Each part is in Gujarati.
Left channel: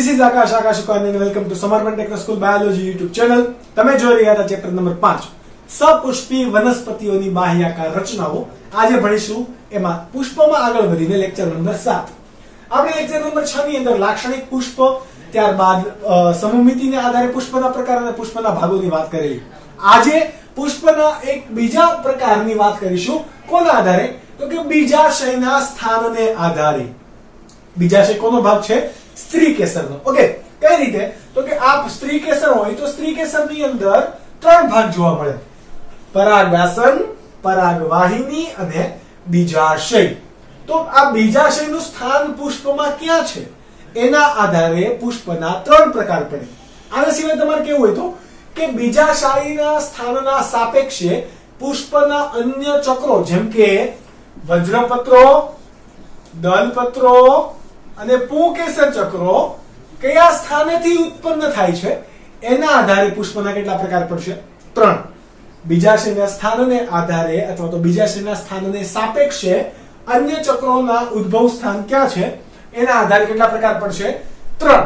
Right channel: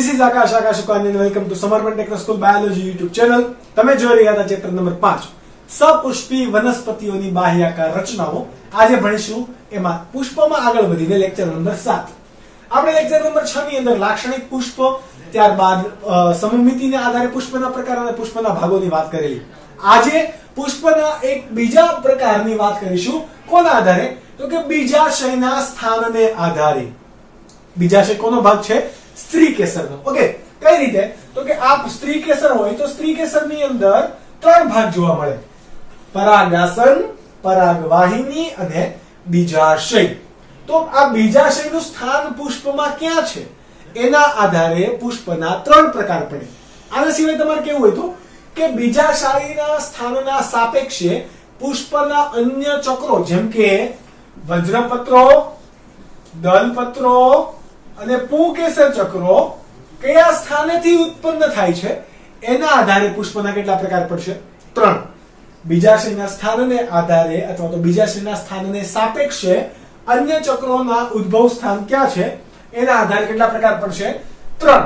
This is Akash Sukani and welcome to Samarpan Techno School Biology YouTube channel. તમે જોઈ રહ્યા હતા ચેપ્ટર નંબર 5 સપુષ્પી વનસ્પતિઓની બાહ્યાકાર રચનાઓ. આજે ભણીશું એમાં પુષ્પમાં આગળ વધીને લેક્ચર નંબર 7. આપણે લેક્ચર નંબર 6 ની અંદર લાક્ષણિક પુષ્પ, ત્યારબાદ સમમિતિને આધારે પુષ્પના પ્રકાર અને પુષ્પના ભાગોની વાત કરેલી. આજે પુષ્પના એક બીજા પ્રકારની વાત કરીશું. કોના આધારે? તો કે બીજાશયના સ્થાનને આધારે. બીજાશય કોનો ભાગ છે? સ્ત્રી કેસરનો. ઓકે, કઈ રીતે? તો કે આ સ્ત્રી કેસર હોય તો સ્ત્રી કેસરની અંદર 3 ભાગ જોવા મળે: પરાગાસન, પરાગવાહિની અને બીજાશય. તો આ બીજાશયનું સ્થાન પુષ્પમાં ક્યાં છે એના આધારે પુષ્પના 3 પ્રકાર પડે. આના સિવાય તમારે કેવું હોય તો કે બીજાશયના સ્થાનના સાપેક્ષે પુષ્પના અન્ય ચક્રો જેમ કે વજ્રપત્રો, દલપત્રો અને પુંકેસર ચક્રો કયા સ્થાનેથી ઉત્પન્ન થાય છે એના આધારે પુષ્પના કેટલા પ્રકાર પડશે? 3. બીજાશયના સ્થાનને આધારે અથવા તો બીજાશયના સ્થાનને સાપેક્ષે અન્ય ચક્રોના ઉદ્ભવ સ્થાન ક્યાં છે એના આધારે કેટલા પ્રકાર પડશે? 3.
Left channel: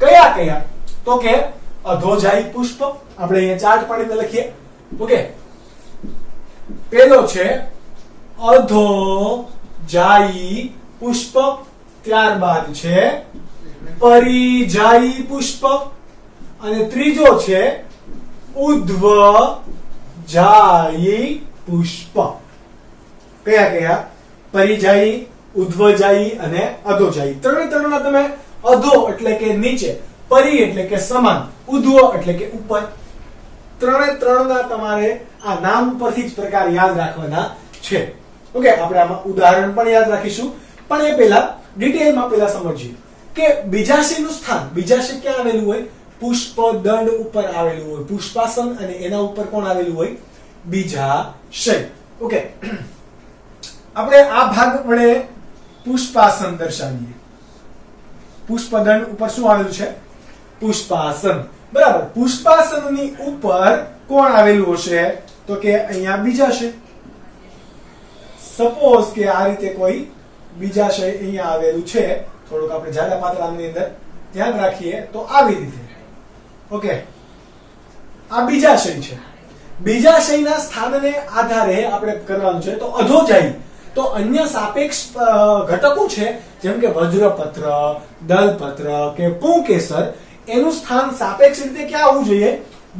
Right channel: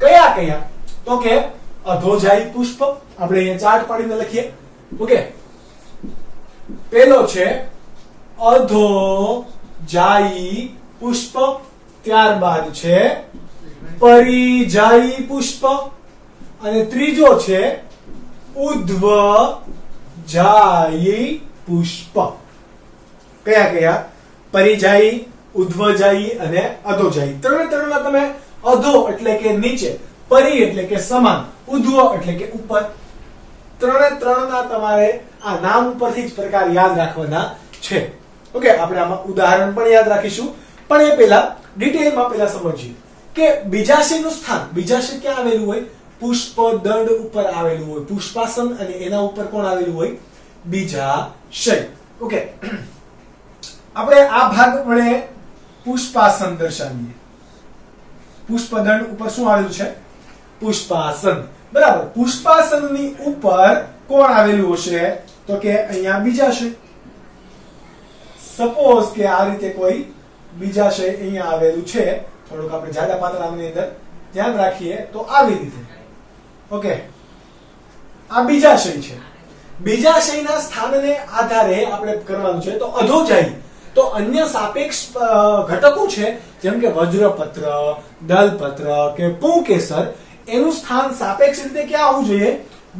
કયા કયા? તો કે અધોજાયી પુષ્પ. આપણે અહીંયા ચાર્ટ પાડીને લખીએ. ઓકે, પેલો છે અધોજાયી પુષ્પ, ત્યારબાદ છે પરિજાયી પુષ્પ અને ત્રીજો છે ઉધ્વજાયી પુષ્પ. કયા કયા? પરિજાયી, ઉધ્વજાયી અને અધોજાયી. ત્રણના તમે અધો એટલે કે નીચે, પરી એટલે કે સમાન, ઉધ્વ એટલે કે ઉપર. ત્રણના તમારે આ નામ પરથી જ પ્રકાર યાદ રાખવાના છે. ઓકે, આપણે આમાં ઉદાહરણ પણ યાદ રાખીશું, પણ એ પહેલા ડિટેલમાં પહેલા સમજીએ કે બીજાશયનું સ્થાન. બીજાશય ક્યાં આવેલું હોય? પુષ્પ દંડ ઉપર આવેલું હોય. પુષ્પાસન અને એના ઉપર કોણ આવેલું હોય? બીજાશય. ઓકે, આપણે આ ભાગ વડે પુષ્પાસન દર્શાવીએ. પુષ્પદંડ ઉપર શું આવેલું છે? પુષ્પાસન. બરાબર. પુષ્પાસનની ઉપર કોણ આવેલું હશે? તો કે અહીંયા બીજાશય. સપોઝ કે આ રીતે કોઈ બીજાશય અહીંયા આવેલું છે, થોડુંક આપણે જાડા પાતળાની અંદર ધ્યાન રાખીએ તો આવી રીતે. ઓકે, આ બીજાશય છે. બીજાશયના સ્થાનને આધારે આપણે કરવાનું છે તો અધોજાયી. તો અન્ય સાપેક્ષ ઘટકો છે જેમ કે વજ્રપત્ર, દલપત્ર કે પુંકેસર, એનું સ્થાન સાપેક્ષ રીતે ક્યાં આવવું જોઈએ?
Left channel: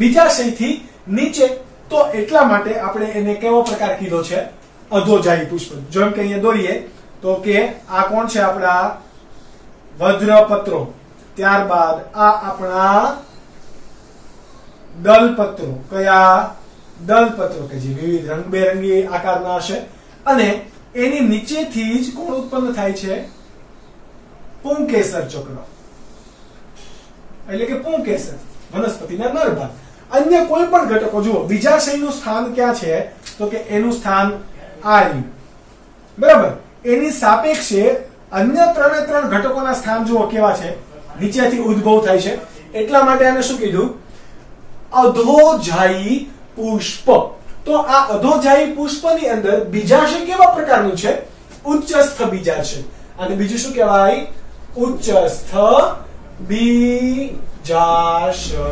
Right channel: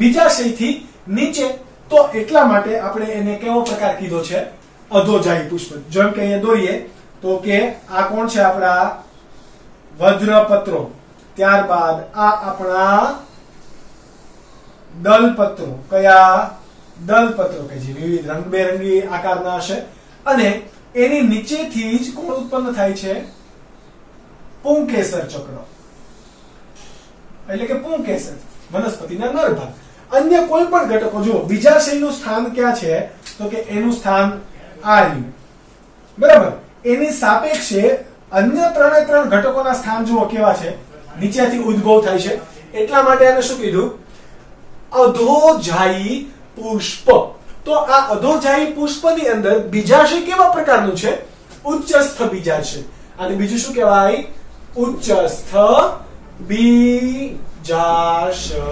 બીજાશયથી નીચે. તો એટલા માટે આપણે એને કેવો પ્રકાર કીધો છે? અધોજાયી પુષ્પ. જેમ કે અહીંયા દોરીએ તો કે આ કોણ છે? આપણા વજ્રપત્રો, ત્યારબાદ આ આપણા દલપત્રો. કયા? દલપત્રો કે જે વિવિધ રંગબેરંગી આકારના હશે અને એની નીચેથી જ કોણ ઉત્પન્ન થાય છે? પુંકેસર ચક્ર એટલે કે પુંકેસર, વનસ્પતિના નર ભાગ. અન્ય કોઈ પણ ઘટકો જુઓ. બીજાશયનું સ્થાન ક્યાં છે? તો કે એનું સ્થાન આ રહ્યું. બરાબર. એની સાપેક્ષે અન્ય 3 ઘટકોના સ્થાન જુઓ કેવા છે? નીચેથી ઉદ્ભવ થાય છે. એટલા માટે આને શું કીધું? અધોજાયી પુષ્પ. તો આ અધોજાયી પુષ્પની અંદર બીજાશય કેવા પ્રકારનું છે? ઉચ્ચસ્થ બીજાશય. અને બીજું શું કહેવાય? ઉચ્ચસ્થ બીજાશય.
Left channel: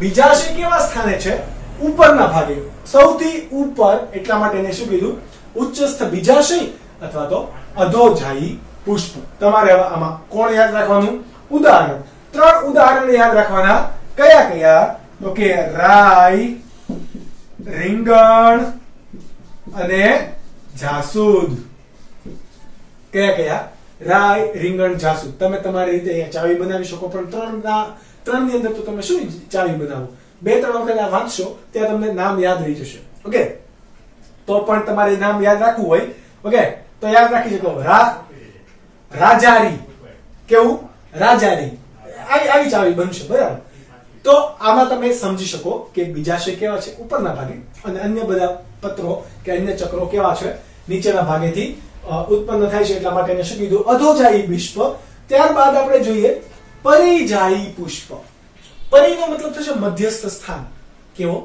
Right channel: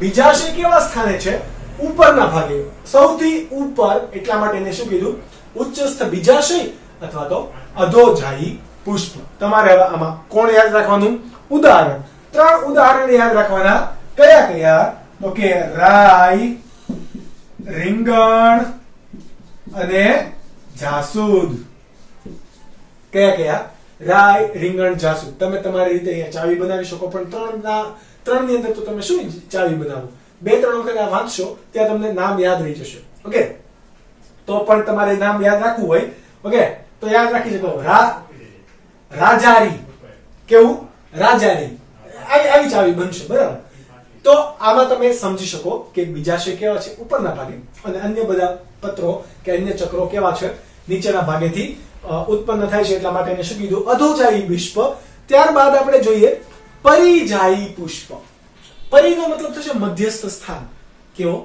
બીજાશય કેવા સ્થાને છે? ઉપરના ભાગે, સૌથી ઉપર. એટલા માટે એને શું કીધું? ઉચ્ચસ્થ બીજાશય અથવા તો અધોજાયી પુષ્પ. તમારે હવે આમાં કોણ યાદ રાખવાનું? ઉદાહરણ. 3 ઉદાહરણ યાદ રાખવાના. કયા કયા? તો કે રાઈ, રીંગણ અને જાસૂદ. કયા કયા? રાઈ, રીંગણ, જાસૂદ. તમે તમારી રીતે અહીંયા ચાવી બનાવી શકો, પણ 3 ની અંદર તો તમે શું ચાવી બનાવો? 2-3 વખત આ વાંચશો ત્યાં તમને નામ યાદ રહી જશે. ઓકે, તો પણ તમારે નામ યાદ રાખવું હોય, ઓકે, તો યાદ રાખી શકો. રાજારી. કેવું? રાજારી. આવી ચાવી બનશે. બરાબર. તો આમાં તમે સમજી શકો કે બીજાશય કેવા છે? ઉપરના ભાગે. અને અન્ય બધા પત્રો કે અન્ય ચક્રો કેવા છે? નીચેના ભાગેથી ઉત્પન્ન થાય છે. એટલા માટે એને શું કીધું? અધોજાયી પુષ્પ. ત્યારબાદ આપણે જોઈએ પરિજાયી પુષ્પ. પરીનો મતલબ થશે મધ્યસ્થ સ્થાન. કેવો?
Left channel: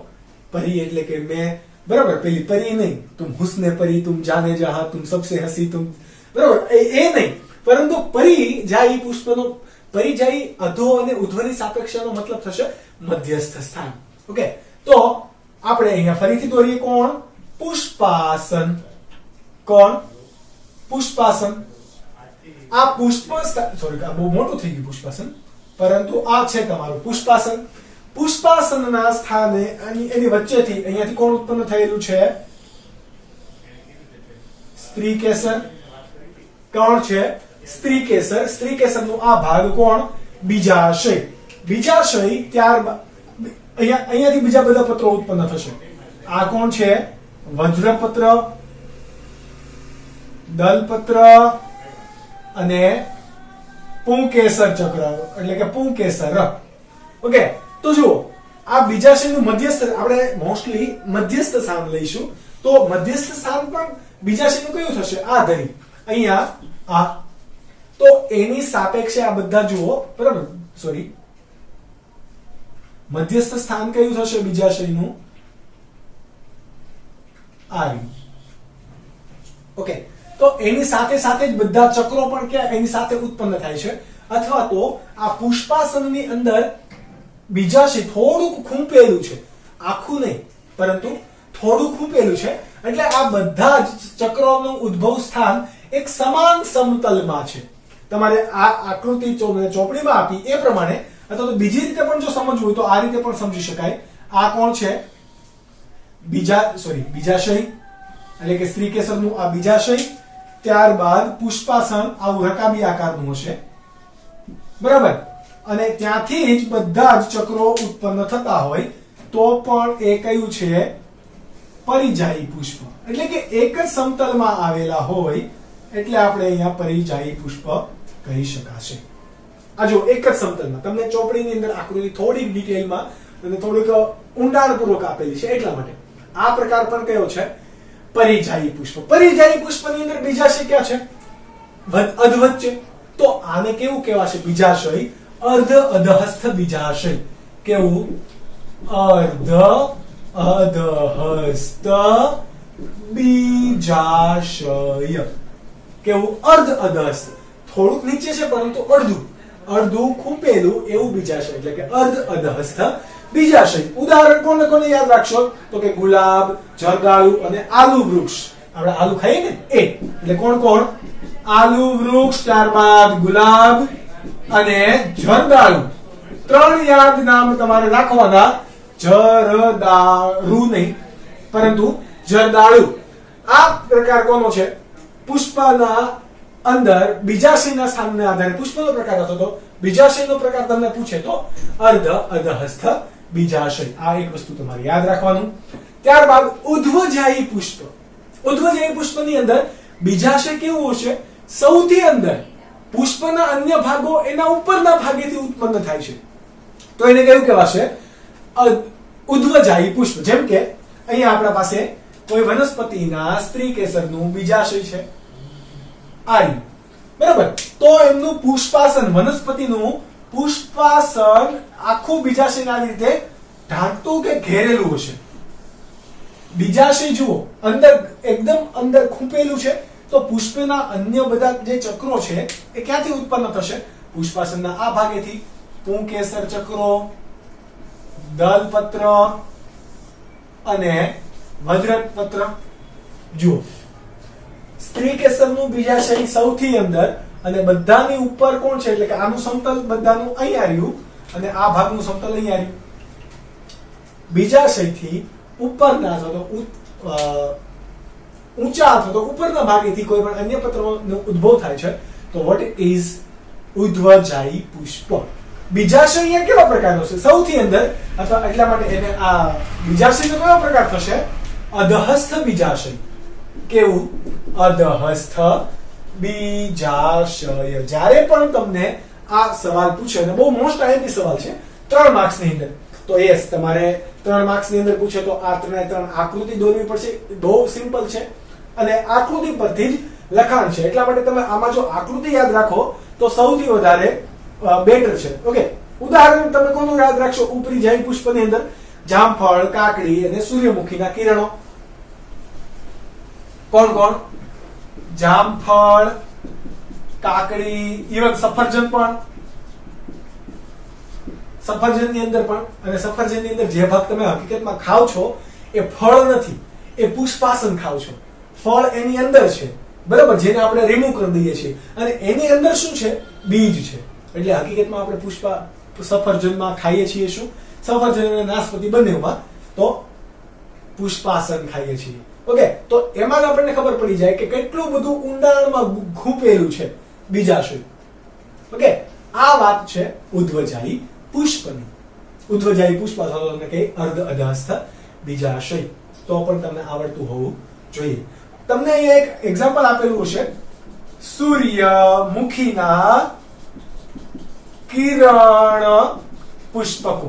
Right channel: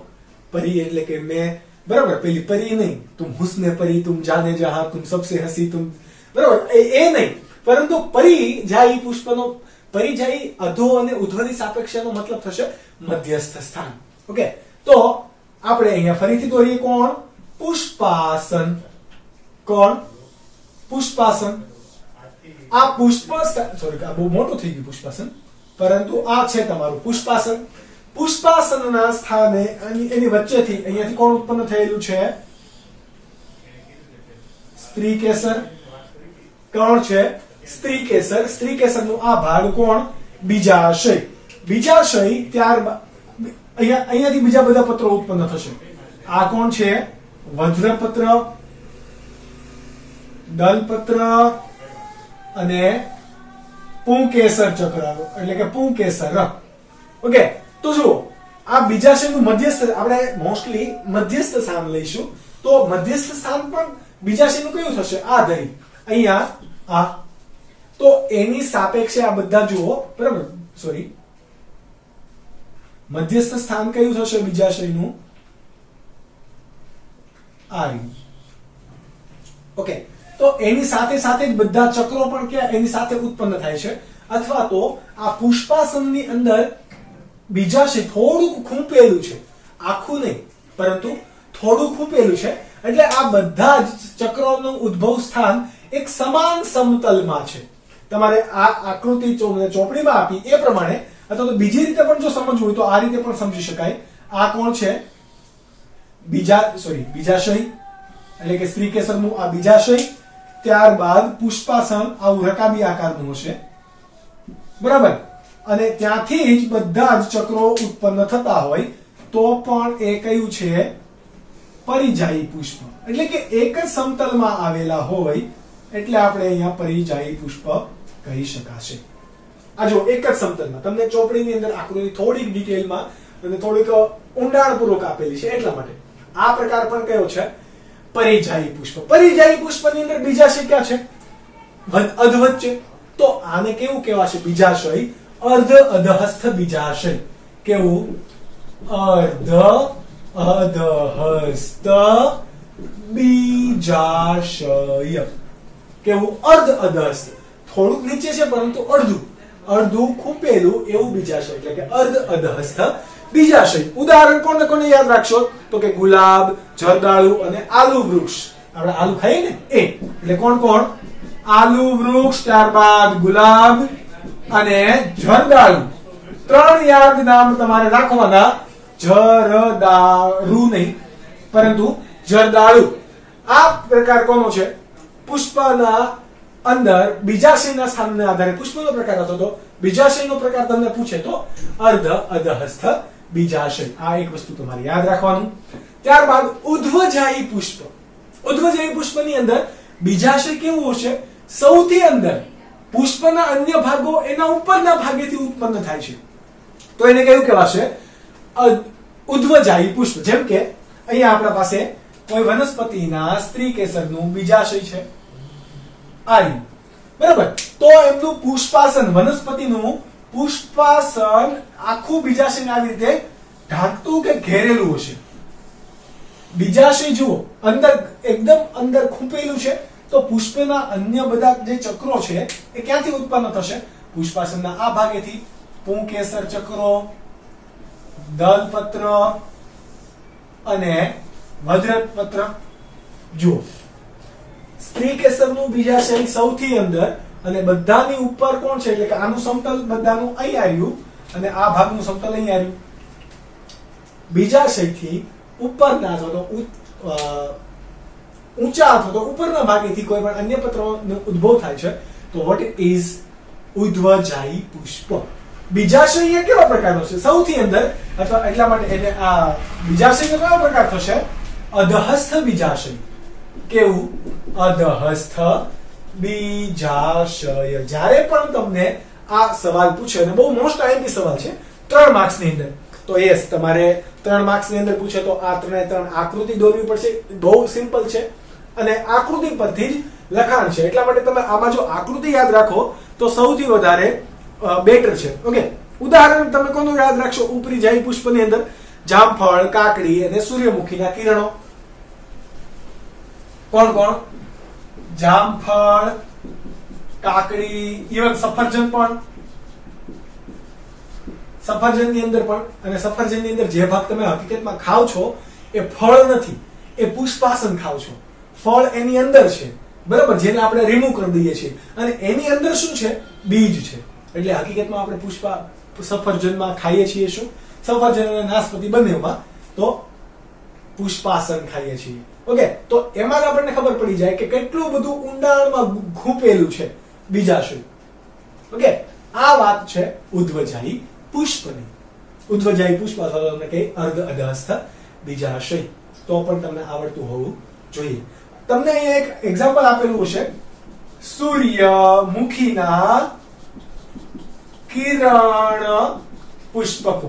પરી એટલે કે મેં, બરાબર, પેલી પરી નહીં, તુમ હુસ્ને પરી, તુમ જાને જહાં, તુમ સબસે હસી, તુમ, બરાબર, એ નહીં, પરંતુ પરિજાયી પુષ્પનો પરિજાયી અધો અને ઉધ્વની સાપેક્ષનો મતલબ થશે મધ્યસ્થ સ્થાન. ઓકે, તો આપણે અહીંયા ફરીથી દોરીએ. કોણ? પુષ્પાસન. કોણ? પુષ્પાસન. આ સોરી, આ બહુ મોટું થઈ ગયું પુષ્પાસન, પરંતુ આ છે તમારું પુષ્પાસન. પુષ્પાસનના સ્થાને એની વચ્ચેથી અહીંયાથી કોણ ઉત્પન્ન થયેલું છે? સ્ત્રીકેસર. કોણ છે? સ્ત્રીકેસર. સ્ત્રીકેસરનો આ ભાગ કોણ? બીજાશય. બીજાશય ત્યારબાદ અહીંયાથી બીજા બધા પત્રો ઉત્પન્ન થશે. આ કોણ છે? વજ્રપત્ર, દલપત્ર અને પુંકેસર ચક્ર, એટલે કે પુંકેસર. ઓકે, તો જુઓ, આ બીજાશયનું મધ્યસ્થ આપણે મોસ્ટલી મધ્યસ્થ સ્થાન લઈશું. તો મધ્યસ્થ સ્થાન પણ બીજાશયનું કયું થશે? આ ધરી અહીંયા આ. તો એની સાપેક્ષે આ બધા જુઓ, બરાબર? સોરી, મધ્યસ્થ સ્થાન કયું થશે બીજાશયનું? આ. ઓકે, તો એની સાથે સાથે જ બધા ચક્રો પણ કે એની સાથે ઉત્પન્ન થાય છે. અથવા તો આ પુષ્પાસનની અંદર બીજાશય થોડુંક ખૂંપેલું છે, આખું નહીં પરંતુ થોડું ખૂંપેલું છે, એટલે આ બધા જ ચક્રોનું ઉદ્ભવ સ્થાન એક સમાન સમતલમાં છે. તમારે આ આકૃતિ ચોપડીમાં આપી એ પ્રમાણે, અથવા તો બીજી રીતે પણ જો સમજવું હોય તો આ રીતે પણ સમજી શકાય. આ કોણ છે? બીજાશય, એટલે કે સ્ત્રીકેસરનું આ બીજાશય. ત્યારબાદ પુષ્પાસન આવું રકાબી આકારનું હશે, બરાબર? અને ત્યાંથી જ બધા જ ચક્રો ઉત્પન્ન થતા હોય તો પણ એ કયું છે? પરિજાયી પુષ્પ. એટલે કે એક જ સમતલમાં આવેલા હોય એટલે આપણે અહીંયા પરિજાયી પુષ્પ કહી શકાશે. આ જો એક જ સમતલમાં, તમને ચોપડીની અંદર આકૃતિ થોડીક ડિટેલમાં અને થોડીક ઊંડાણપૂર્વક આપેલી છે એટલા માટે. આ પ્રકાર પણ કયો છે? પરિજાયી પુષ્પ. પરિજાયી પુષ્પની અંદર બીજાશય ક્યાં છે? અધવચ્ચે. તો આને કેવું કહેવાશે? બીજાશય. અર્ધ અધહસ્થ બીજાશય. કેવું? અર્ધ અધહસ્થ બીજાશય. કેવું? અર્ધ અધહસ્થ. થોડુંક નીચે છે પરંતુ અડધું ખૂંપેલું એવું બીજાશય, એટલે કે અર્ધ અધહસ્થ બીજાશય. ઉદાહરણ કોને કોને યાદ રાખશો? તો કે ગુલાબ, જરદાળુ અને આલુ વૃક્ષ. આપણે આલુ ખાઈએ ને એ, એટલે કોણ કોણ? આલુ વૃક્ષ, ત્યારબાદ ગુલાબ અને જરદાળુ. ત્રણ યાદ નામ તમારે રાખવાના. જરદાળુ નહીં પરંતુ જરદાળુ. આ પ્રકાર કોનો છે? પુષ્પના અંદર બીજાશયના સ્થાનને આધારે પુષ્પનો પ્રકાર હતો, તો બીજાશયનો પ્રકાર તમને પૂછે તો અર્ધ અધહસ્થ બીજાશય. આ એક વસ્તુ તમારે યાદ રાખવાનું. ત્યારબાદ ઉધ્વજાયી પુષ્પ. ઉધ્વજાયી પુષ્પની અંદર બીજાશય કેવું હશે? સૌથી અંદર. પુષ્પના અન્ય ભાગો એના ઉપરના ભાગેથી ઉત્પન્ન થાય છે, તો એને કયું કહેવાશે? ઉધ્વજાયી પુષ્પ. જેમ કે અહીંયા આપણા પાસે કોઈ વનસ્પતિના સ્ત્રીકેસરનું બીજાશય છે, બરાબર? તો એમનું પુષ્પાસન, વનસ્પતિનું પુષ્પાસન આખું બીજાશયના રીતે ઢાંકતું કે ઘેરેલું હશે. બીજાશય જુઓ, અંદર એકદમ અંદર ખૂંપેલું છે, તો પુષ્પના અન્ય બધા જે ચક્રો છે એ ક્યાંથી ઉત્પન્ન થશે? પુષ્પાસનના આ ભાગેથી. પુંકેસર ચક્રો, દલપત્ર અને વજ્રપત્ર. જુઓ, સ્ત્રીકેસરનું બીજાશય સૌથી અંદર અને બધાની ઉપર કોણ છે? એટલે કે આનું સમતલ બધાનું અહીંયા આવ્યું અને આ ભાગનું સમતલ અહીંયા આવ્યું. બીજાશયથી ઉપરના અથવા ઊંચા અથવા તો ઉપરના ભાગેથી કોઈ પણ અન્ય પત્રનો ઉદ્ભવ થાય છે, તો વોટ ઇઝ? ઉધ્વજાયી પુષ્પ. બીજાશય અહીંયા કેવા પ્રકારનો છે? સૌથી અંદર, અથવા એટલા માટે એને આ બીજાશયનો કેવો પ્રકાર થશે? અધહસ્થ બીજાશય. કેવું? અધહસ્થ બીજાશય. જ્યારે પણ તમને આ સવાલ પૂછે, અને બહુ મોસ્ટ આઈએમપી સવાલ છે 3 માર્ક્સની અંદર, તો યસ, તમારે 3 માર્ક્સની અંદર પૂછે તો આ 3 આકૃતિ દોરવી પડશે. બહુ સિમ્પલ છે અને આકૃતિ પરથી જ લખાણ છે, એટલા માટે તમે આમાં જો આકૃતિ યાદ રાખો તો સૌથી વધારે બેટર છે. ઓકે, ઉદાહરણ તમે કોનું યાદ રાખશો? ઉપરીજાયી પુષ્પની અંદર જામફળ, કાકડી અને સૂર્યમુખીના કિરણો. કોણ કોણ? જામફળ, કાકડી, ઇવન સફરજન પણ. સફરજનની અંદર પણ, અને સફરજનની અંદર જે ભાગ તમે હકીકતમાં ખાવ છો એ ફળ નથી, એ પુષ્પાસન ખાવ છો. ફળ એની અંદર છે, બરાબર, જેને આપણે રિમૂવ કરી દઈએ છીએ, અને એની અંદર શું છે? બીજ છે. એટલે હકીકતમાં આપણે સફરજનમાં ખાઈએ છીએ શું? સફરજન અને નાશપતિ બંનેમાં તો પુષ્પાસન ખાઈએ છીએ. ઓકે, તો એમાં આપણને ખબર પડી જાય કે કેટલું બધું ઊંડાણમાં ખૂપેલું છે બીજાશય. ઓકે, આ વાત છે ઉદ્ધવજાયી પુષ્પની. ઉદ્ધવજાયી પુષ્પ અથવા તમને કહે અર્ધ અધહસ્થ બીજાશય, તો પણ તમને આવડતું હોવું જોઈએ. તમને અહીંયા એક એક્ઝામ્પલ આપેલું હશે, સૂર્યમુખીના કિરણ પુષ્પકો.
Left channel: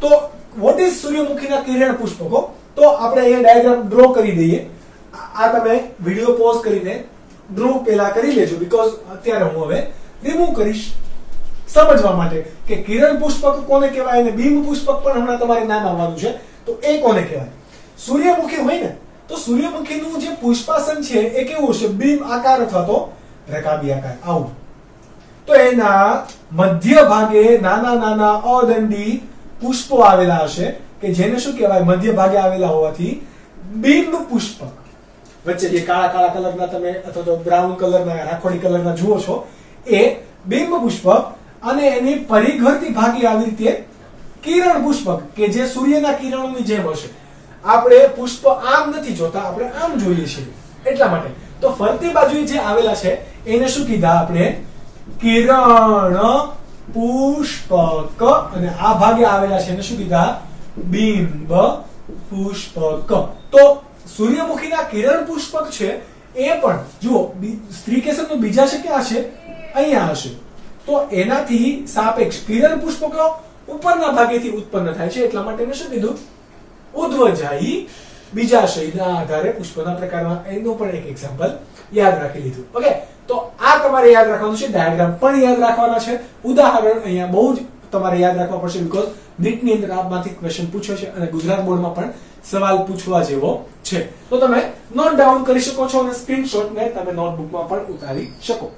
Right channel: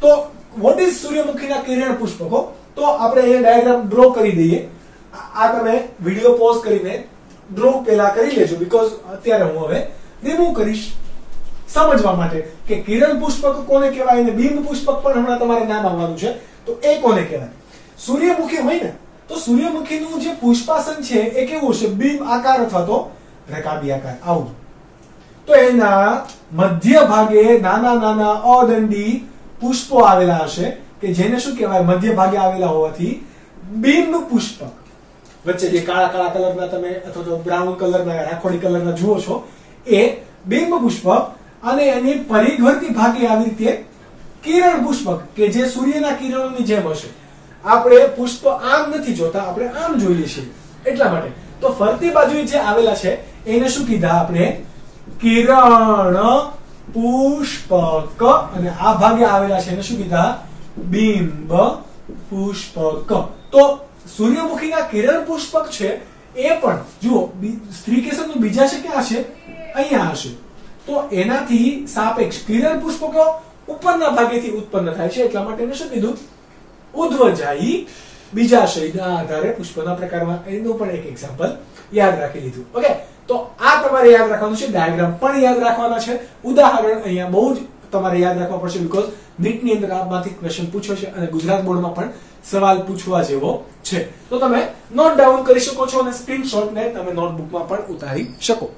તો વોટ ઇઝ સૂર્યમુખીના કિરણ પુષ્પકો? તો આપણે અહીંયા ડાયાગ્રામ ડ્રો કરી દઈએ. આ તમે વિડિયો પોઝ કરીને ડ્રો પેલા કરી લેજો, બીકોઝ અત્યારે હું હવે રિમૂવ કરીશ સમજવા માટે કે કિરણ પુષ્પક કોને કહેવાય અને બિંબ પુષ્પક પણ હમણાં તમારે નામ આવવાનું છે. તો એ કોને કહેવાય? સૂર્યમુખી હોય ને, તો સૂર્યમુખીનું જે પુષ્પાસન છે એ કેવું હશે? બિંબ આકાર અથવા તો રકાબી આકાર, આવું. તો એના મધ્ય ભાગે નાના નાના અદંડી પુષ્પો આવેલા હશે કે જેને શું કહેવાય? મધ્ય ભાગે આવેલા હોવાથી બિંબ પુષ્પક. વચ્ચે જે કાળા કાળા કલરના તમે અથવા તો બ્રાઉન કલરના, રાખોડી કલરના જુઓ છો એ બિંબ પુષ્પક, અને એની પરિઘરતી ભાગે આવી રીતે કિરણ પુષ્પક કે જે સૂર્યના કિરણોની જેમ હશે. આપણે પુષ્પ આમ નથી જોતા, આપણે આમ જોઈએ છીએ એટલા માટે. તો ફરતી બાજુએ જે આવેલા છે એને શું કીધા આપણે? કિરણ પુષ્પક. અને આ ભાગે આવેલા છે એને શું કીધા? બિંબ પુષ્પક. તો સૂર્યમુખીના કિરણ પુષ્પક છે એ પણ જુઓ, સ્ત્રીકેસરનું બીજા છે ક્યાં છે? અહીંયા હશે. તો એનાથી સાપેક્ષ કિરણ પુષ્પકો ઉપરના ભાગેથી ઉત્પન્ન થાય છે, એટલા માટે શું કીધું? ઉદ્ધવજાયી બીજાશયના આધારે પુષ્પના પ્રકારમાં. એનું પણ એક એક્ઝામ્પલ યાદ રાખી લીધું. ઓકે, તો આ તમારે યાદ રાખવાનું છે, ડાયાગ્રામ પણ યાદ રાખવાના છે, ઉદાહરણ અહીંયા બહુ જ તમારે યાદ રાખવા પડશે, બીકોઝ નીટની અંદર આમાંથી ક્વેશ્ચન પૂછ્યો છે અને ગુજરાત બોર્ડમાં પણ સવાલ પૂછવા જેવો છે. તો તમે નોટ ડાઉન કરી શકો છો અને સ્ક્રીનશોટ ને તમે નોટબુકમાં પણ ઉતારી શકો.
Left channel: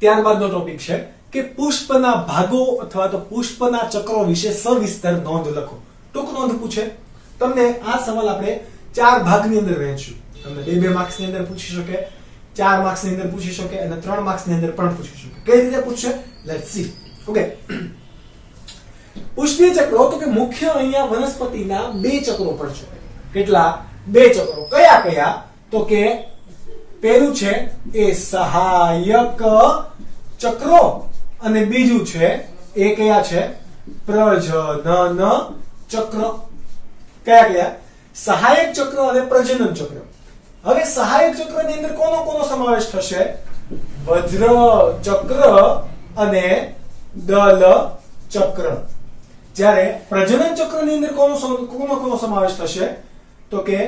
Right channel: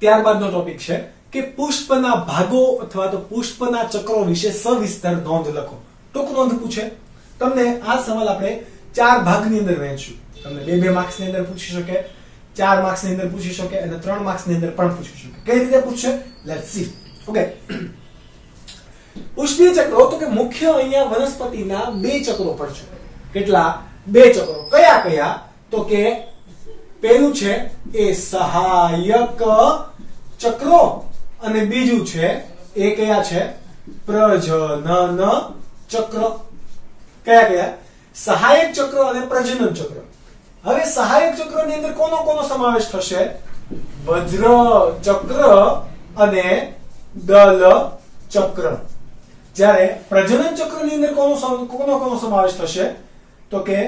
ત્યારબાદનો ટોપિક છે કે પુષ્પના ભાગો અથવા તો પુષ્પના ચક્રો વિશે સવિસ્તર નોંધ લખો. ટૂંક નોંધ પૂછે તમને. આ સવાલ આપણે 4 ભાગની અંદર વહેંચશું. તમને 2 માર્ક્સની અંદર પૂછી શકે, 4 માર્ક્સની અંદર પૂછી શકે અને 3 માર્ક્સની અંદર પણ પૂછી શકે. કઈ રીતે પૂછશે? Let's see. ઓકે, પુષ્પીય ચક્રો, તો કે મુખ્ય અહીંયા વનસ્પતિના 2 ચક્રો પડશે. કેટલા? 2 ચક્રો. કયા કયા? તો કે પહેલું છે એ સહાયક ચક્રો અને બીજું છે એ કયા છે? પ્રજનન ચક્ર. કયા કયા? સહાયક ચક્ર અને પ્રજનન ચક્ર. હવે સહાયક ચક્રની અંદર કોનો કોનો સમાવેશ થશે? વજ્ર ચક્ર અને દલ ચક્ર. જ્યારે પ્રજનન ચક્રની અંદર કોનો કોનો સમાવેશ થશે? તો કે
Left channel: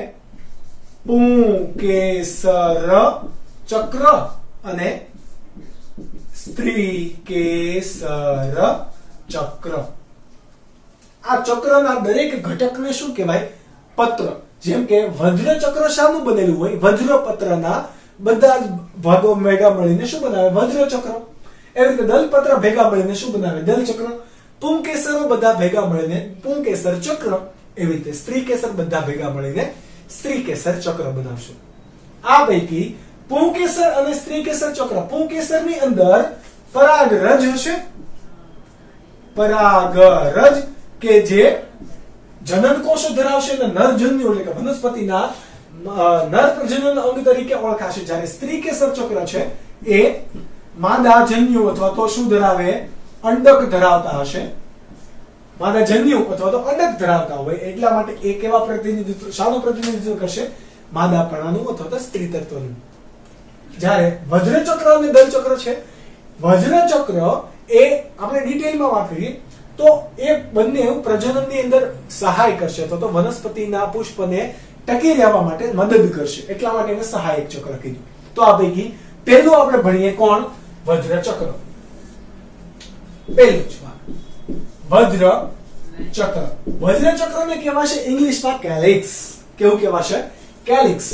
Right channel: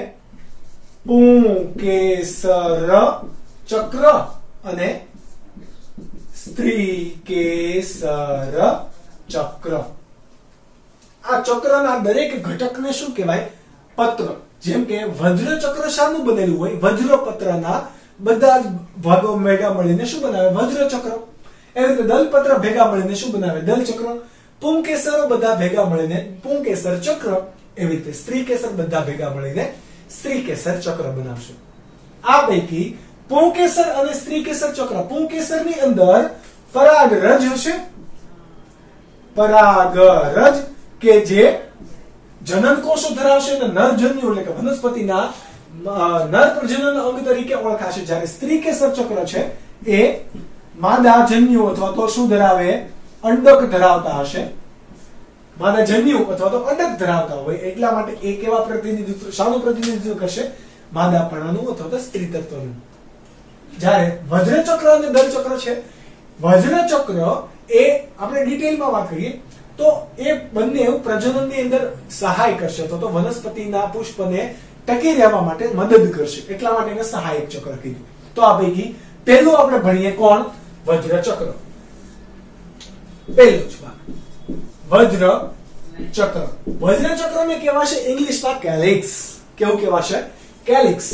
પુંકેસર ચક્ર અને સ્ત્રીકેસર ચક્ર. આ ચક્રના દરેક ઘટકને શું કહેવાય? પત્ર. જેમ કે વજ્ર ચક્ર શાનું બનેલું હોય? વજ્રપત્રના બધા જ ભાગો ભેગા મળીને શું બનાવે? વજ્ર ચક્ર. એવી રીતે દલપત્ર ભેગા મળીને શું બનાવે? દલ ચક્ર. પુંકેસર બધા ભેગા મળીને પુંકેસર ચક્ર. એવી રીતે સ્ત્રીકેસર બધા ભેગા મળીને સ્ત્રીકેસર ચક્ર બનાવશે. આ પૈકી પુંકેસર અને સ્ત્રીકેસર ચક્ર, પુંકેસરની અંદર પરાગરજ હશે. પરાગરજ કે જે જનન કોષો ધરાવશે અને નરજન્યુ એટલે કે વનસ્પતિના નર પ્રજનન અંગ તરીકે ઓળખાશે. જ્યારે સ્ત્રીકેસર ચક્ર છે એ માદા જન્યુ અથવા તો શું ધરાવે? અંડક ધરાવતા હશે. માદા જન્યુ અથવા તો અંડક ધરાવતા હોય એટલા માટે એ કેવા પ્રતિનિધિત્વ, શાનું પ્રતિનિધિત્વ કરશે? માદાપણાનું અથવા તો સ્ત્રી તત્વનું. જ્યારે વજ્ર ચક્ર અને દલ ચક્ર છે, વજ્ર ચક્ર એ આપણે ડિટેલમાં વાત કરીએ તો એ બંને પ્રજનનની અંદર સહાય કરશે અથવા તો વનસ્પતિના પુષ્પને ટકી રહેવા માટે મદદ કરશે, એટલા માટે એને સહાયક ચક્ર કીધું. તો આ પૈકી પહેલું આપણે ભણીએ કોણ? વજ્ર ચક્ર. પહેલું જ વજ્ર ચક્ર. વજ્ર ચક્રને કહેવાશે ઇંગ્લિશમાં કેલિક્સ. કેવું કહેવાશે? કેલિક્સ.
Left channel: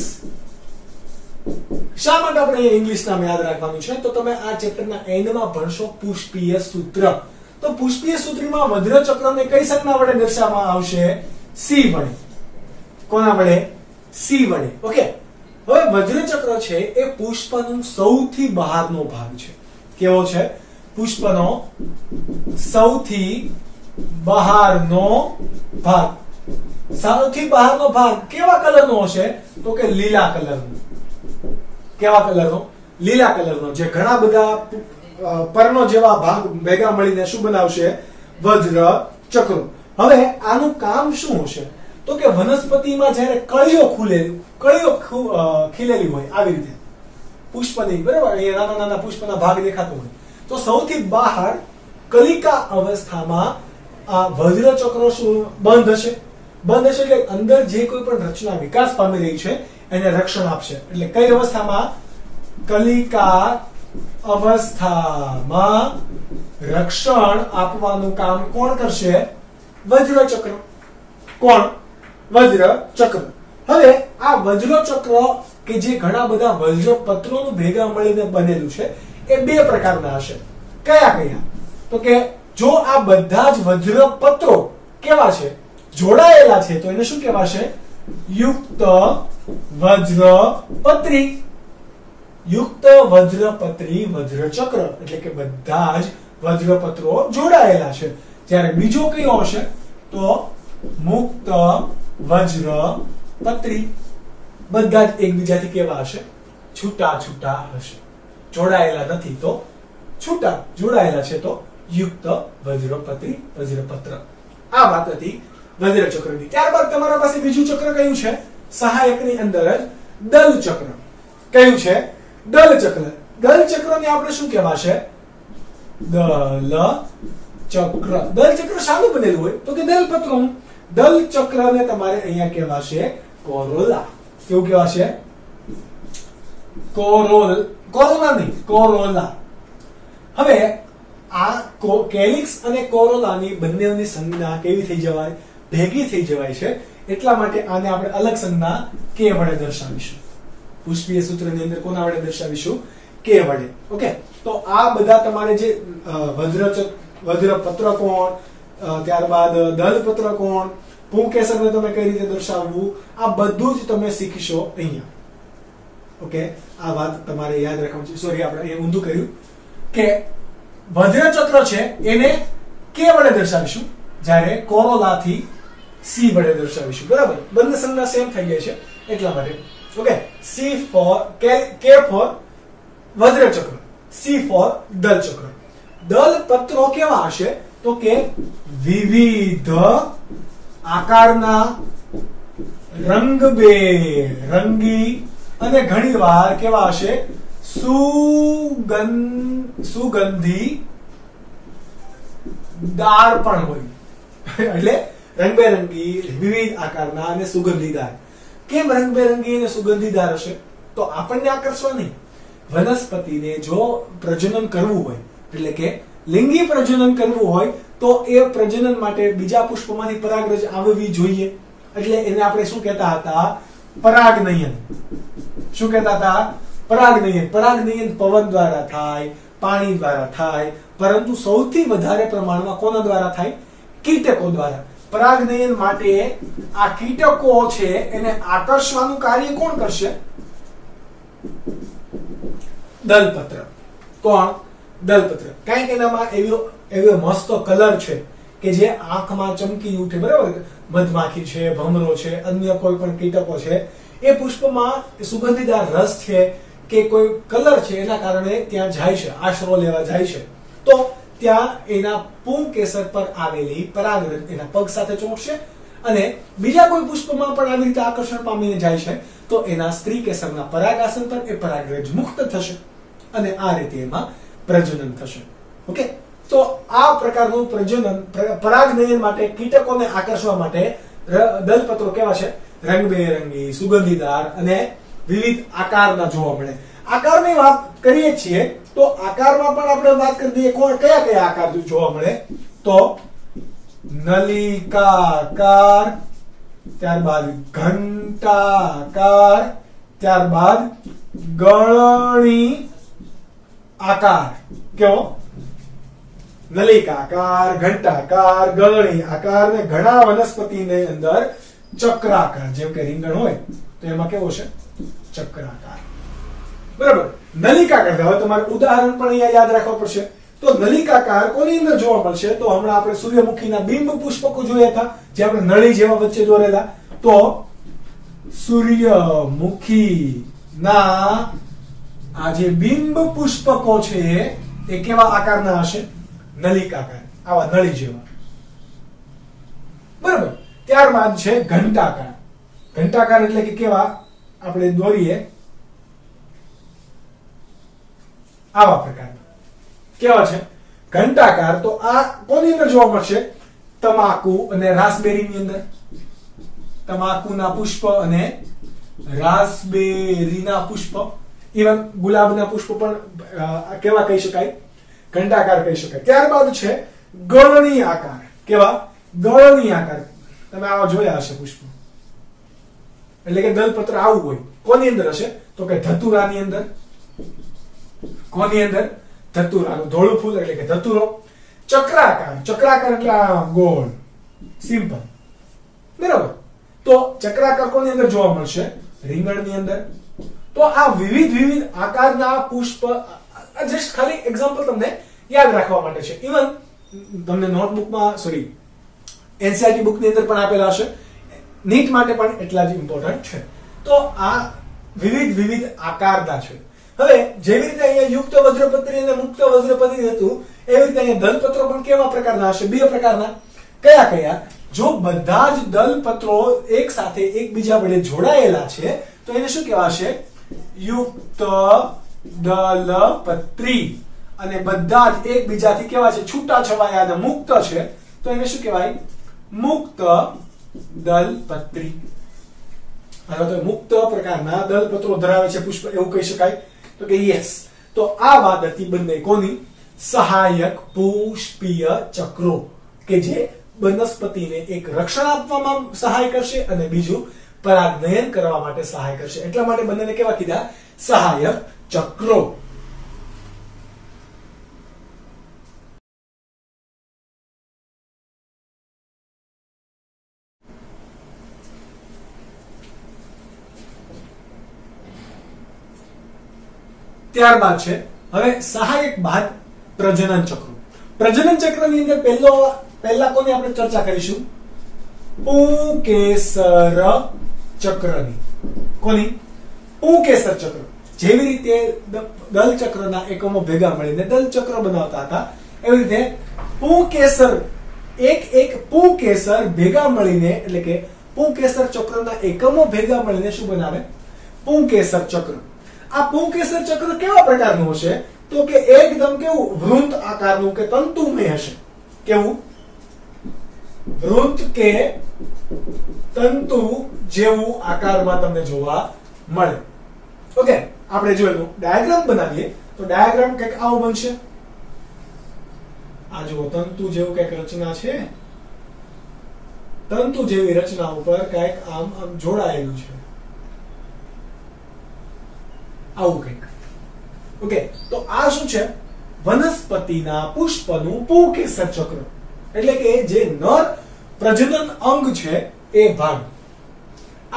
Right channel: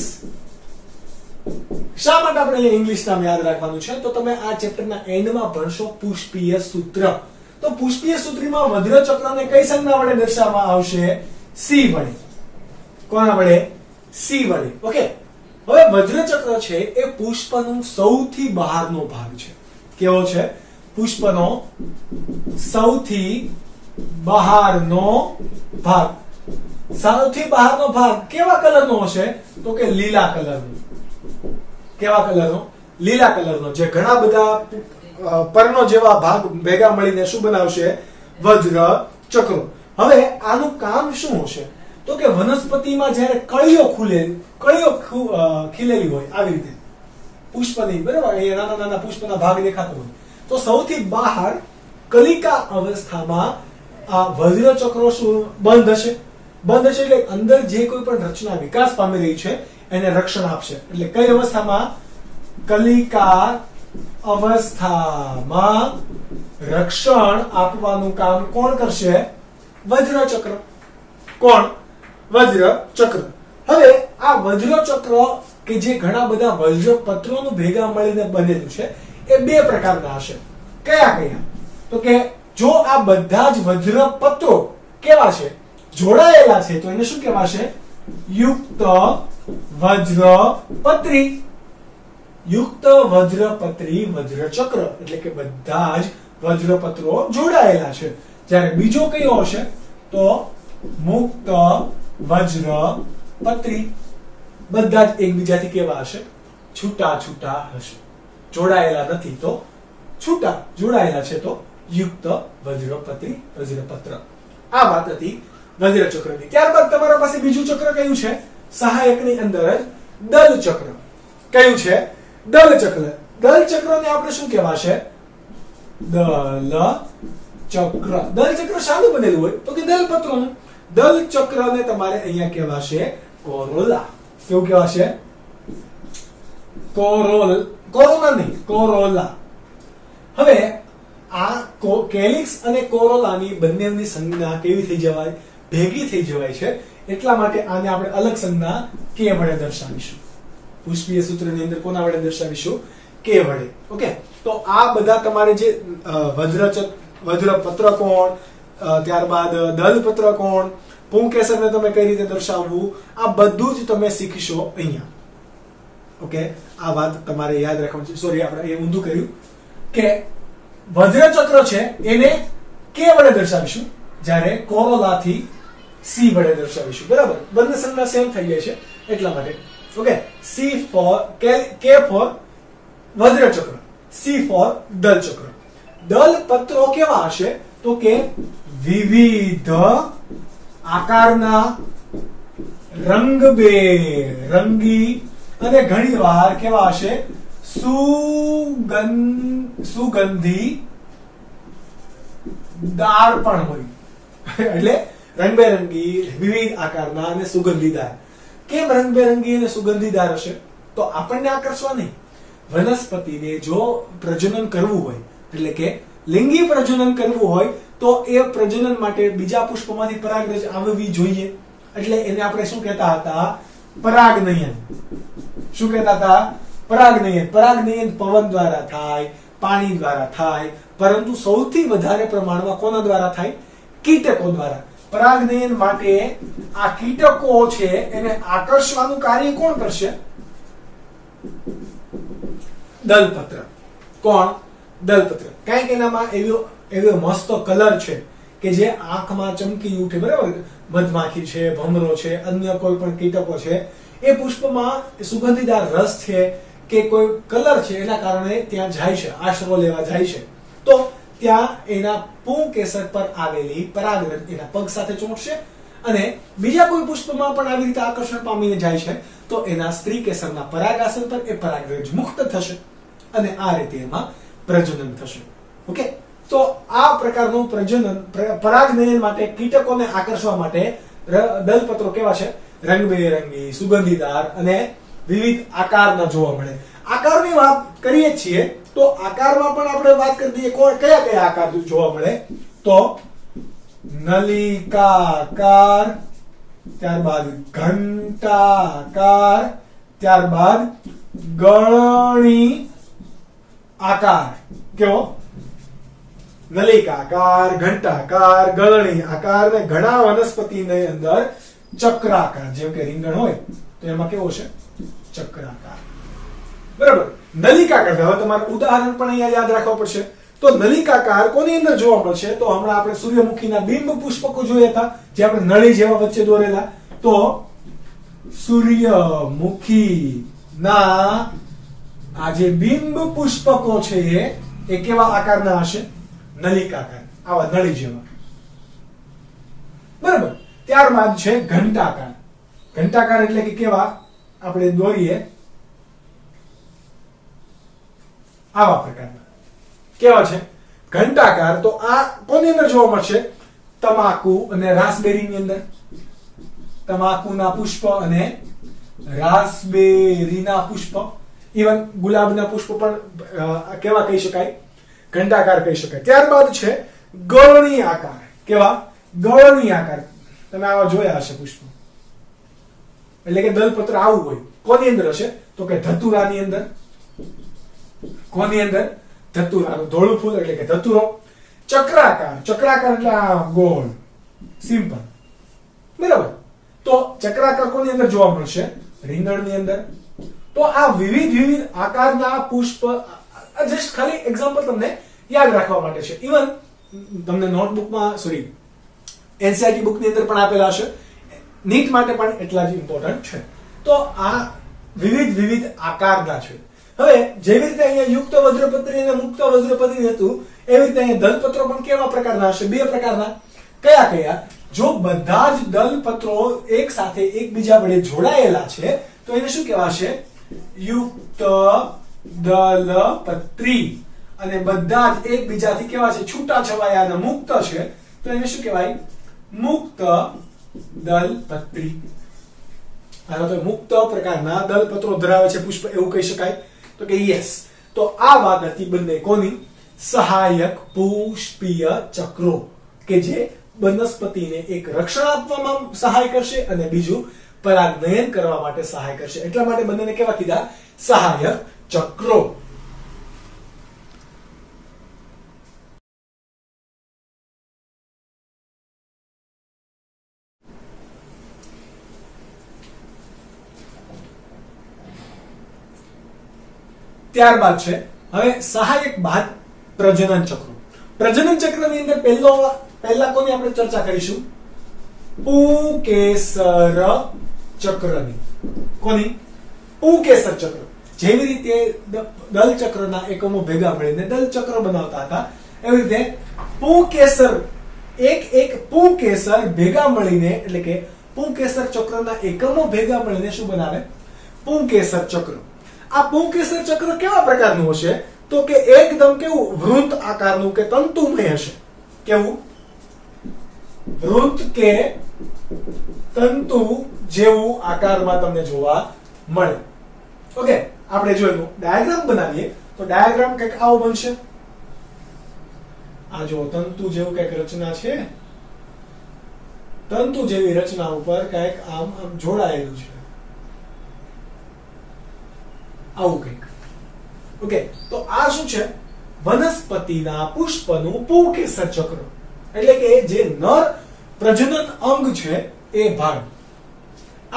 શા માટે આપણે ઇંગ્લિશ નામ યાદ રાખવાનું છે? તો તમે આ ચેપ્ટરના એન્ડમાં ભણશો પુષ્પીય સૂત્ર. તો પુષ્પીય સૂત્રમાં વજ્રચક્રને કઈ સંજ્ઞા વડે દર્શાવવામાં આવશે? સી વડે. કોના વડે? સી વડે. ઓકે. હવે વજ્રચક્ર છે એ પુષ્પનું સૌથી બહારનો ભાગ છે. કેવો છે? પુષ્પનો સૌથી બહારનો ભાગ. સૌથી બહારનો ભાગ કેવા કલરનો હશે? તો કે લીલા કલરનો. કેવા કલરનો? લીલા કલરનો. જે ઘણા બધા પરનો જેવા ભાગ ભેગા મળીને શું બનાવશે? વજ્રચક્ર. હવે આનું કામ શું હશે? તો કે વનસ્પતિમાં જ્યારે કળીઓ ખીલેલી હોય આવી રીતે પુષ્પની, બરાબર, અહીંયા નાના નાના પુષ્પના ભાગ દેખાતો હોય, તો સૌથી બહાર કલિકા અવસ્થામાં આ વજ્રચક્રો શું બંધ હશે? બંધ હશે એટલે અંદર જે કોઈ પણ રચના વિકાસ પામી રહી છે એને રક્ષણ આપશે. એટલે કઈ અવસ્થામાં? કલિકા અવસ્થામાં રક્ષણ આપવાનું કામ કોણ કરશે? વજ્રચક્ર. કોણ? વજ્રચક્ર. હવે આ વજ્રચક્ર કે જે ઘણા બધા વજ્રપત્રોનું ભેગા મળીને બનેલું છે એ બે પ્રકારના હશે. કયા કયા? તો કે જો આ બધા જ વજ્રપત્રો કેવા છે? જોડાયેલા છે તો એને શું કહેવાશે? યુક્ત વજ્રપત્રી. યુક્ત વજ્રપત્રી વજ્રચક્ર એટલે કે બધા જ વજ્રપત્રો જોડાયેલા છે. જ્યારે બીજો કયો હશે? તો મુક્ત વજ્રપત્રી. બધા જ એકબીજાથી કેવા હશે? છૂટા છૂટા હશે. જોડાયેલા નથી તો છૂટા, જોડાયેલા છે તો યુક્ત વજ્રપત્રી વજ્રપત્ર. આ વાત હતી વજ્રચક્રની. ત્યારબાદ તમારા પાસે બીજું ચક્ર કયું છે? સહાયકની અંદર જ દલ ચક્ર. કયું છે? દલ ચક્ર. દલ ચક્રને આપણે શું કહેવાશે? દલ ચક્ર. દલ ચક્ર શાનું બનેલું હોય? તો કે દલપત્રોનું. દલ ચક્રને તમારે અહીંયા કહેવાશે કોરોલા. કેવું કહેવાશે? કોરોલા નહીં, કોરોલા. હવે આ કેલિક્સ અને કોરોલાની બંનેની સંજ્ઞા કેવી થઈ જવાય? ભેગી થઈ જવાય છે. એટલા માટે આને આપણે અલગ સંજ્ઞા કે વડે દર્શાવીશું. પુષ્પીય સૂત્રની અંદર કોના વડે દર્શાવીશું? કે વડે. ઓકે. તો આ બધા તમારે જે વજ્રપત્ર કોણ, ત્યારબાદ દલપત્ર કોણ, પુંકેસરને તમે કઈ રીતે દર્શાવવું, આ બધું જ તમે શીખશો અહીંયા. ઓકે. આ વાત તમારે યાદ રાખવાની છે. સોરી, આપણે અહીંયા ઊંધું કર્યું કે વજ્રચક્ર છે એને કે વડે દર્શાવીશું, જ્યારે કોરોલાથી સી વડે દર્શાવીશું. બરાબર? બંને સંજ્ઞા સેમ થઈ જાય છે એટલા માટે. ઓકે. સી ફોર કે ફોર વજ્રચક્ર, સી ફોર દલચક્ર. દલપત્રો કેવા હશે? તો કે વિવિધ આકારના, રંગબેરંગી અને ઘણીવાર કેવા હશે? સુગંધી દાર પણ હોય. એટલે રંગબેરંગી, વિવિધ આકારના અને સુગંધીદાર. કેમ રંગબેરંગી અને સુગંધીદાર હશે? તો આપણને આકર્ષવા નહીં. વનસ્પતિને જો પ્રજનન કરવું હોય, એટલે કે લિંગી પ્રજનન કરવું હોય, તો એ પ્રજનન માટે બીજા પુષ્પમાંથી પરાગરજ આવવી જોઈએ. એટલે એને આપણે શું કહેતા હતા? પરાગનયન. શું કહેતા હતા? પરાગનયન. પરાગનયન પવન દ્વારા થાય, પાણી દ્વારા થાય, પરંતુ સૌથી વધારે પ્રમાણમાં કોના દ્વારા થાય? કીટકો દ્વારા. પરાગનયન માટે આ કીટકો છે એને આકર્ષવાનું કાર્ય કોણ કરશે? દલપત્ર. કોણ? દલપત્ર. કારણ કે એનામાં એવો મસ્ત કલર છે કે જે આંખમાં ચમકી ઉઠે. બરાબર? મધમાખી છે, ભમરો છે, અન્ય કોઈ પણ કીટકો છે, એ પુષ્પમાં સુગંધીદાર રસ છે કે કોઈ કલર છે એના કારણે ત્યાં જાય છે, આશરો લેવા જાય છે. તો ત્યાં એના પુંકેસર પર આવેલી પરાગરજ એના પગ સાથે ચોંટશે અને બીજા કોઈ પુષ્પમાં પણ આવી રીતે આકર્ષણ પામીને જાય છે તો એના સ્ત્રી કેસરના પરાગાસન પર એ પરાગરજ મુક્ત થશે અને આ રીતે એમાં પ્રજનન થશે. ઓકે. તો આ પ્રકારનું પ્રજનન, પરાગનયન માટે, કીટકોને આકર્ષવા માટે દલપત્રો કેવા છે? રંગબેરંગી, સુગંધીદાર અને વિવિધ આકારના જોવા મળે. આકારની વાત કરીએ છીએ તો આકારમાં પણ આપણે વાત કરી દઈએ. કયા કયા આકાર જોવા મળે? તો નલિકાકાર, ત્યારબાદ ઘંટાકાર, ત્યારબાદ ગળણી આકાર. કેવો? નલિકાકાર, ઘંટાકાર, ગળણી આકાર ને ઘણા વનસ્પતિની અંદર ચક્રાકાર. જેમ કે રીંગણ હોય તો એમાં કેવો છે? ચક્રાકાર. બરાબર. નલિકાકાર, હવે તમારે ઉદાહરણ પણ અહીંયા યાદ રાખવા પડશે. તો નલિકાકાર કોની અંદર જોવા મળશે? તો હમણાં આપણે સૂર્યમુખીના બિંબ પુષ્પકો જોયા હતા, જે આપણે નળી જેવા વચ્ચે દોરેલા. તો સૂર્યમુખીના આ જે બિંબ પુષ્પકો છે એ કેવા આકારના હશે? નલિકાકાર, આવા નળી જેવા. બરાબર. ત્યારબાદ છે ઘંટાકાર. ઘંટાકાર એટલે કે કેવા? આપણે દોરીએ આવા પ્રકારના. કેવા છે? ઘંટાકાર. તો આ કોની અંદર જોવા મળશે? તમાકુ અને રાસબેરીની અંદર. તમાકુના પુષ્પ અને રાસબેરીના પુષ્પ, ઇવન ગુલાબના પુષ્પ પણ કેવા કહી શકાય? ઘંટાકાર કહી શકાય. ત્યારબાદ છે ગળણી આકાર. કેવા? ગળણી આકાર. તમે આવા જોયા હશે પુષ્પ, એટલે કે દલપત્ર આવું હોય. કોની અંદર હશે? તો કે ધતુરાની અંદર. કોની અંદર? ધતુરાનું ધોળું ફૂલ એટલે કે ધતુરો. ચક્રાકાર. ચક્રાકાર એટલે આ ગોળ, સિમ્પલ. બરાબર. તો ચક્રાકાર કોની અંદર જોવા મળશે? રીંગણની અંદર. તો આ વિવિધ આકારના પુષ્પ જસ્ટ ખાલી એક્ઝામ્પલ તમને યાદ રાખવા માટે છે. ઇવન તમને નોટબુકમાં, સોરી, એનસીઈઆરટી બુકની અંદર પણ આપેલા હશે. નીટ માટે પણ એટલા જ ઇમ્પોર્ટન્ટ છે. તો આ વિવિધ આકારના છે. હવે જેવી રીતે અહીંયા યુક્ત વજ્રપત્રી અને મુક્ત વજ્રપત્રી હતું, એવી રીતે અહીંયા દલપત્રો પણ કેવા પ્રકારના હશે? બે પ્રકારના. કયા કયા? જો બધા જ દલપત્રો એક સાથે એકબીજા વડે જોડાયેલા છે તો એને શું કહેવાશે? યુક્ત દલપત્રી. અને બધા જ એકબીજાથી કેવા છે? છૂટા છવાયા અને મુક્ત છે તો એને શું કહેવાય? મુક્ત દલપત્રી. હવે તો મુક્ત પ્રકારના દલપત્રો ધરાવે છે પુષ્પ, એવું કહી શકાય? તો કે યસ. તો આ વાત હતી બંને કોની? સહાયક પુષ્પીય ચક્રો, કે જે વનસ્પતિને એક રક્ષણ આપવામાં સહાય કરશે અને બીજું પરાગનયન કરવા માટે સહાય કરશે. એટલા માટે બંનેને કેવા કીધા? સહાયક ચક્રો. ત્યારબાદ છે હવે સહાયક બાદ પ્રજનન ચક્રો. પ્રજનન ચક્રની અંદર પહેલા કોની આપણે ચર્ચા કરીશું? પુંકેસર ચક્રની. કોની? પુંકેસર ચક્ર. જેવી રીતે દલ ચક્રના એકમો ભેગા મળીને દલ ચક્ર બનાવતા હતા, એવી રીતે પુંકેસર એક પુંકેસર ભેગા મળીને, એટલે કે પુંકેસર ચક્રના એકમો ભેગા મળીને શું બનાવે? પુંકેસર ચક્ર. આ પુંકેસર ચક્ર કેવા પ્રકારનું હશે? તો કે એકદમ કેવું? વૃંત આકારનું કે તંતુમય હશે. કેવું? વૃંત કે તંતુ જેવું આકારમાં તમને જોવા મળે. ઓકે, આપણે જોયું ડાયાગ્રામ બનાવીએ તો ડાયાગ્રામ કંઈક આવો બનશે. આ જો તંતુ જેવું કંઈક રચના છે. તંતુ જેવી રચના ઉપર કંઈક આમ જોડાયેલું છે, આવું કંઈક. ઓકે, તો આ શું છે? વનસ્પતિના પુષ્પનું પુંકેસર ચક્ર. એટલે કે જે નર પ્રજનન અંગ છે એ ભાગ.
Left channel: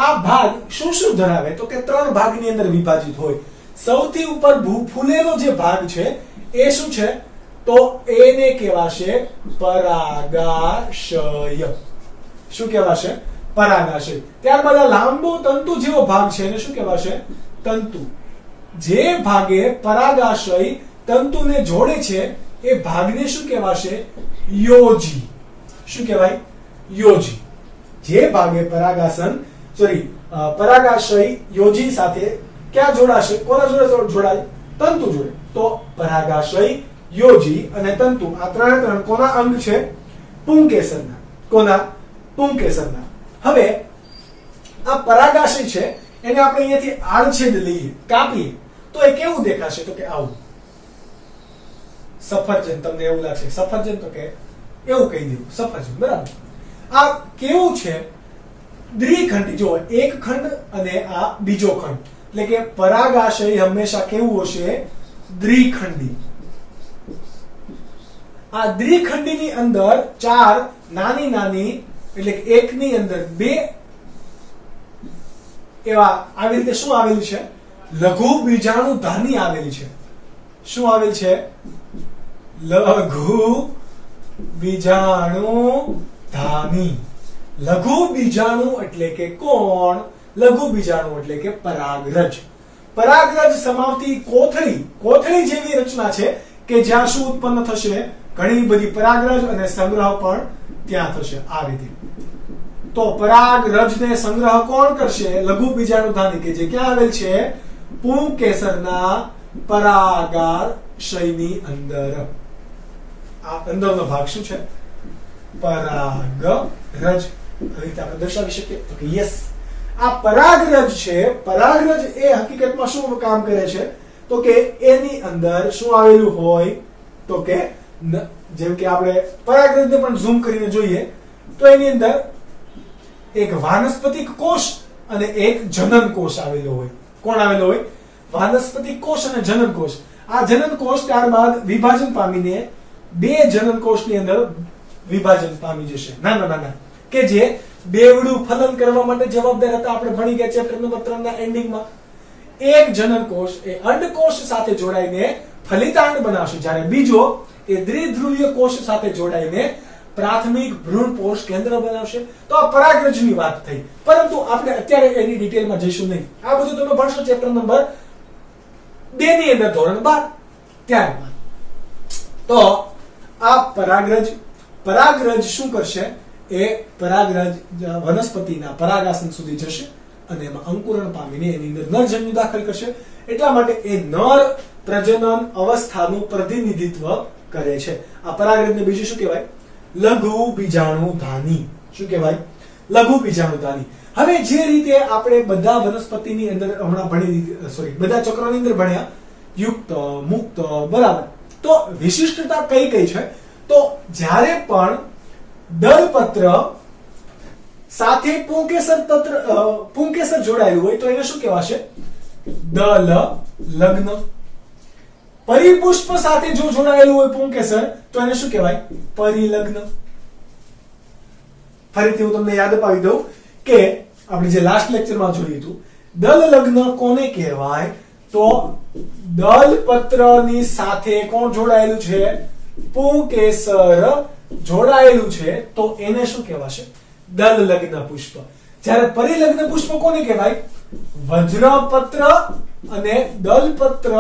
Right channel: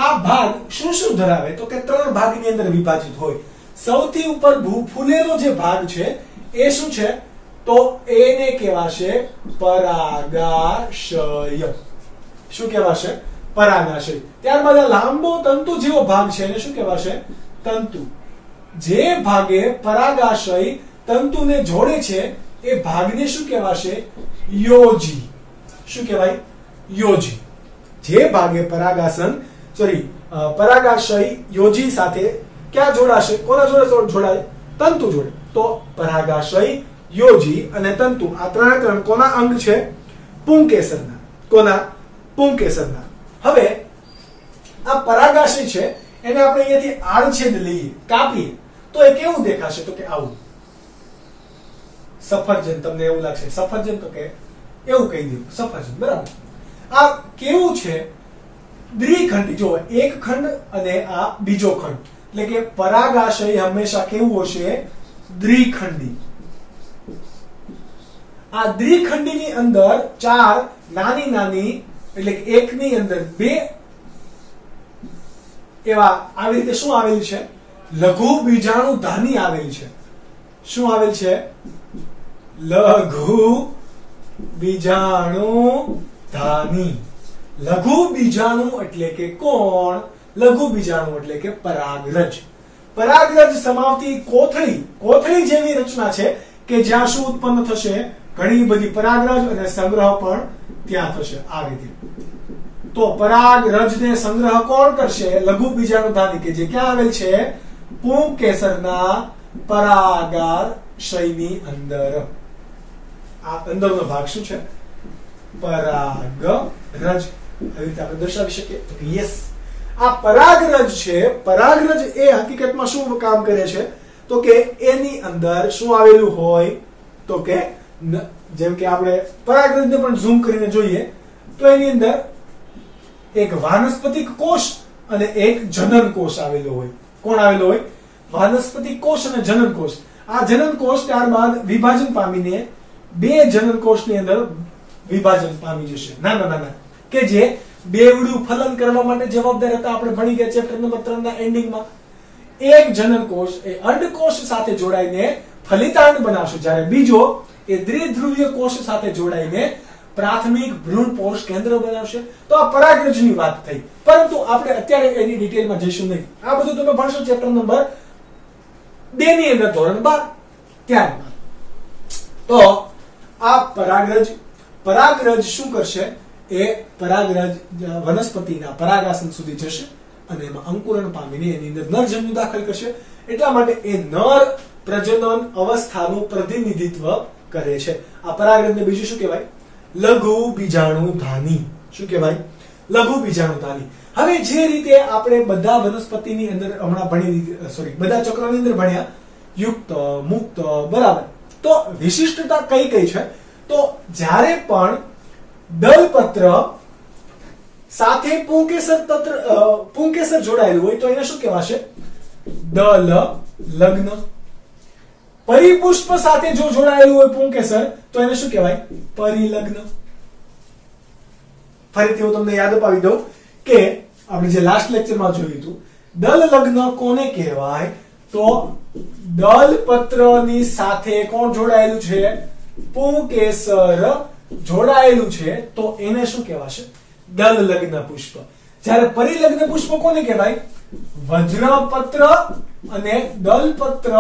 આ ભાગ શું ધરાવે? તો કે 3 ભાગની અંદર વિભાજિત હોય. સૌથી ઉપર ફૂલેલો જે ભાગ છે એ શું છે? તો એને કહેવાશે પરાગાશય. શું કહેવાશે? પરાગાશય. ત્યારબાદ આ લાંબો તંતુ જેવો ભાગ છે એને શું કહેવાશે? તંતુ. જે ભાગે પરાગાશય તંતુને જોડે છે એ ભાગને શું કહેવાશે? યોજી. શું કહેવાય? યોજી. જે ભાગે પરાગાશય યોજી સાથે ક્યાં જોડાશે? કોના જોડે જોડાય? તંતુ જોડે. તો પરાગાશય, યોજી અને તંતુ, આ ત્રણ કોના અંગ છે? પુંકેસરના. કોના? પુંકેસરના. હવે આ પરાગાશય છે એને આપણે અહીંયાથી આડછેદ લઈએ, કાપીએ તો એ કેવું દેખાશે? તો કે આવું. સફરજન. તમને એવું લાગશે સફરજન? તો કે એવું કહી દઉં, સફરજન. બરાબર. આ કેવું છે? દ્વિખંડી જો એક ખંડ અને આ બીજો ખંડ એટલે કે પરાગાશય હંમેશા કેવું હશે દ્વિખંડી આ દ્વિખંડીની અંદર ચાર નાની નાની એટલે કે એકની અંદર બે એવા આવી રીતે શું આવેલું છે લઘુ બીજાણુ ધાની આવેલી છે શું આવેલ છે લઘુ બીજાણુ ધાની લઘુ બીજાણુ એટલે કે કોણ લઘુ બીજાણુ એટલે કે પરાગરજ પરાગરજ સમાવતી કોથળી જેવી રચના છે કે જ્યાં શું ઉત્પન્ન થશે ઘણી બધી પરાગરજ અને સંગ્રહ પણ ત્યાં થશે આ રીતે તો પરાગરજને સંગ્રહ કોણ કરશે લઘુ બીજાણુ ધાની કે જે ક્યાં આવેલ છે પુંકેસરના પરાગાશયની અંદર આ અંદરનો ભાગ શું છે પરાગરજ આ રીતે આપણે દર્શાવી શકીએ તો કે યસ આ પરાગરજ છે પરાગરજ એ હકીકતમાં શું કામ કરે છે તો કે એની અંદર શું આવેલું હોય તો કે જેમ કે આપણે પરાગરજને પણ ઝૂમ કરીને જોઈએ તો એની અંદર એક વાનસ્પતિક કોષ અને એક જનન કોષ આવેલો હોય કોણ આવેલો હોય વાનસ્પતિક કોષ અને જનન કોષ આ જનન કોષ ત્યારબાદ વિભાજન પામીને બે જનન કોષની અંદર વિભાજન પામી જશે નાના નાના કે જે બેવડું ફલન કરવા માટે જવાબદાર હતા આપણે ભણી ગયા ચેપ્ટર નંબર 3 ના એન્ડિંગમાં એક જનન કોષ એ અંડકોષ સાથે જોડાઈને ફલિતાંડ બનાવશે જ્યારે બીજો એ દ્વિધ્રુવીય કોષ સાથે જોડાઈને પ્રાથમિક ભ્રૂણપોષ કેન્દ્ર બનાવશે તો આ પરાગરજની વાત થઈ પરંતુ આપણે અત્યારે એની ડિટેલમાં જઈશું નહીં આ બધું તમે ભણશો ચેપ્ટર નંબર 2 ની અંદર ધોરણ 12 ત્યારબાદ તો આ પરાગરજ શું કરશે એ પરાગરજ વનસ્પતિના પરાગાસન સુધી જશે અને એમાં અંકુરણ પામીને એની અંદર નરજન્યુ દાખલ કરશે એટલા માટે એ નર પ્રજનન અવસ્થાનું પ્રતિનિધિત્વ કરે છે આ પરાગરજને બીજું શું કહેવાય લઘુ બીજાણુ ધાની શું કહેવાય લઘુ બીજાણુ ધાની હવે જે રીતે આપણે બધા વનસ્પતિની અંદર હમણાં બધા ચક્રોની અંદર ભણ્યા યુક્ત મુક્ત બરાબર તો વિશિષ્ટતા કઈ કઈ છે તો જ્યારે પણ દલપત્ર સાથે પુંકેસર જોડાયેલું હોય તો એને શું કહેવાશે દલ લગ્ન પરિપુષ્પ સાથે જો જોડાયેલું હોય પુંકેસર તો એને શું કહેવાય પરિલગ્ન ફરીથી હું તમને યાદ અપાવી દઉં કે આપણે જે લાસ્ટ લેક્ચરમાં જોયું હતું દલ લગ્ન કોને કહેવાય તો દલપત્રની સાથે કોણ જોડાયેલું છે પુંકેસર જોડાયેલું છે તો એને શું કહેવાશે દલ લગ્ન પુષ્પ જ્યારે પરિલગ્ન પુષ્પ કોને કહેવાય વજ્રપત્ર અને દલપત્ર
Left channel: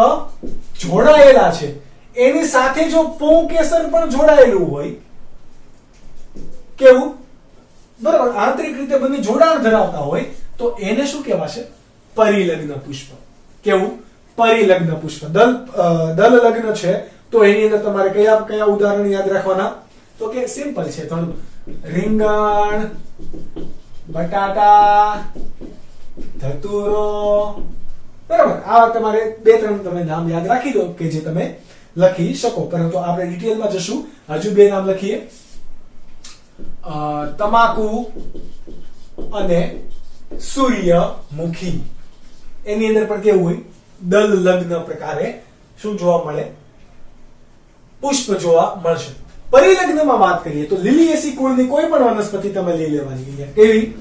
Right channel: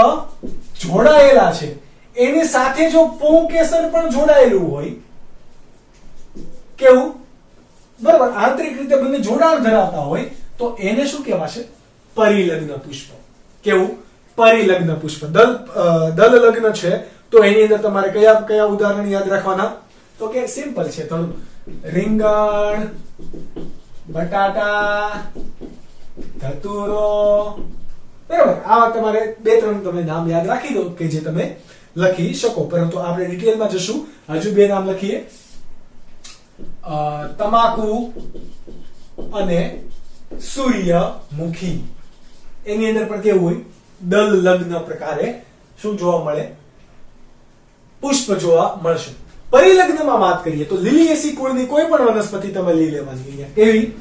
જોડાયેલા છે એની સાથે જો પુંકેસર પણ જોડાયેલું હોય કેવું બરાબર આંતરિક રીતે બંને જોડાણ ધરાવતા હોય તો એને શું કહેવાશે પરિલગ્ન પુષ્પ કેવું પરિલગ્ન પુષ્પ દલ લગ્ન છે તો એની અંદર તમારે કયા કયા ઉદાહરણ યાદ રાખવાના તો કે સિમ્પલ છે થોડું રીંગણ બટાટા ધતુરો બરાબર આ તમારે 2-3 તમે નામ યાદ રાખી દો કે જે તમે લખી શકો પરંતુ આપણે ડિટેલમાં જશું હજુ 2 નામ લખીએ તમાકુ અને સૂર્યમુખી એની અંદર પણ કેવું હોય દલ લગ્ન પ્રકારે શું જોવા મળે પુષ્પ જોવા મળશે પરિલગ્નમાં વાત કરીએ તો લીલિએસી કુળની કોઈ પણ વનસ્પતિ તમે લઈ લેવાની કેવી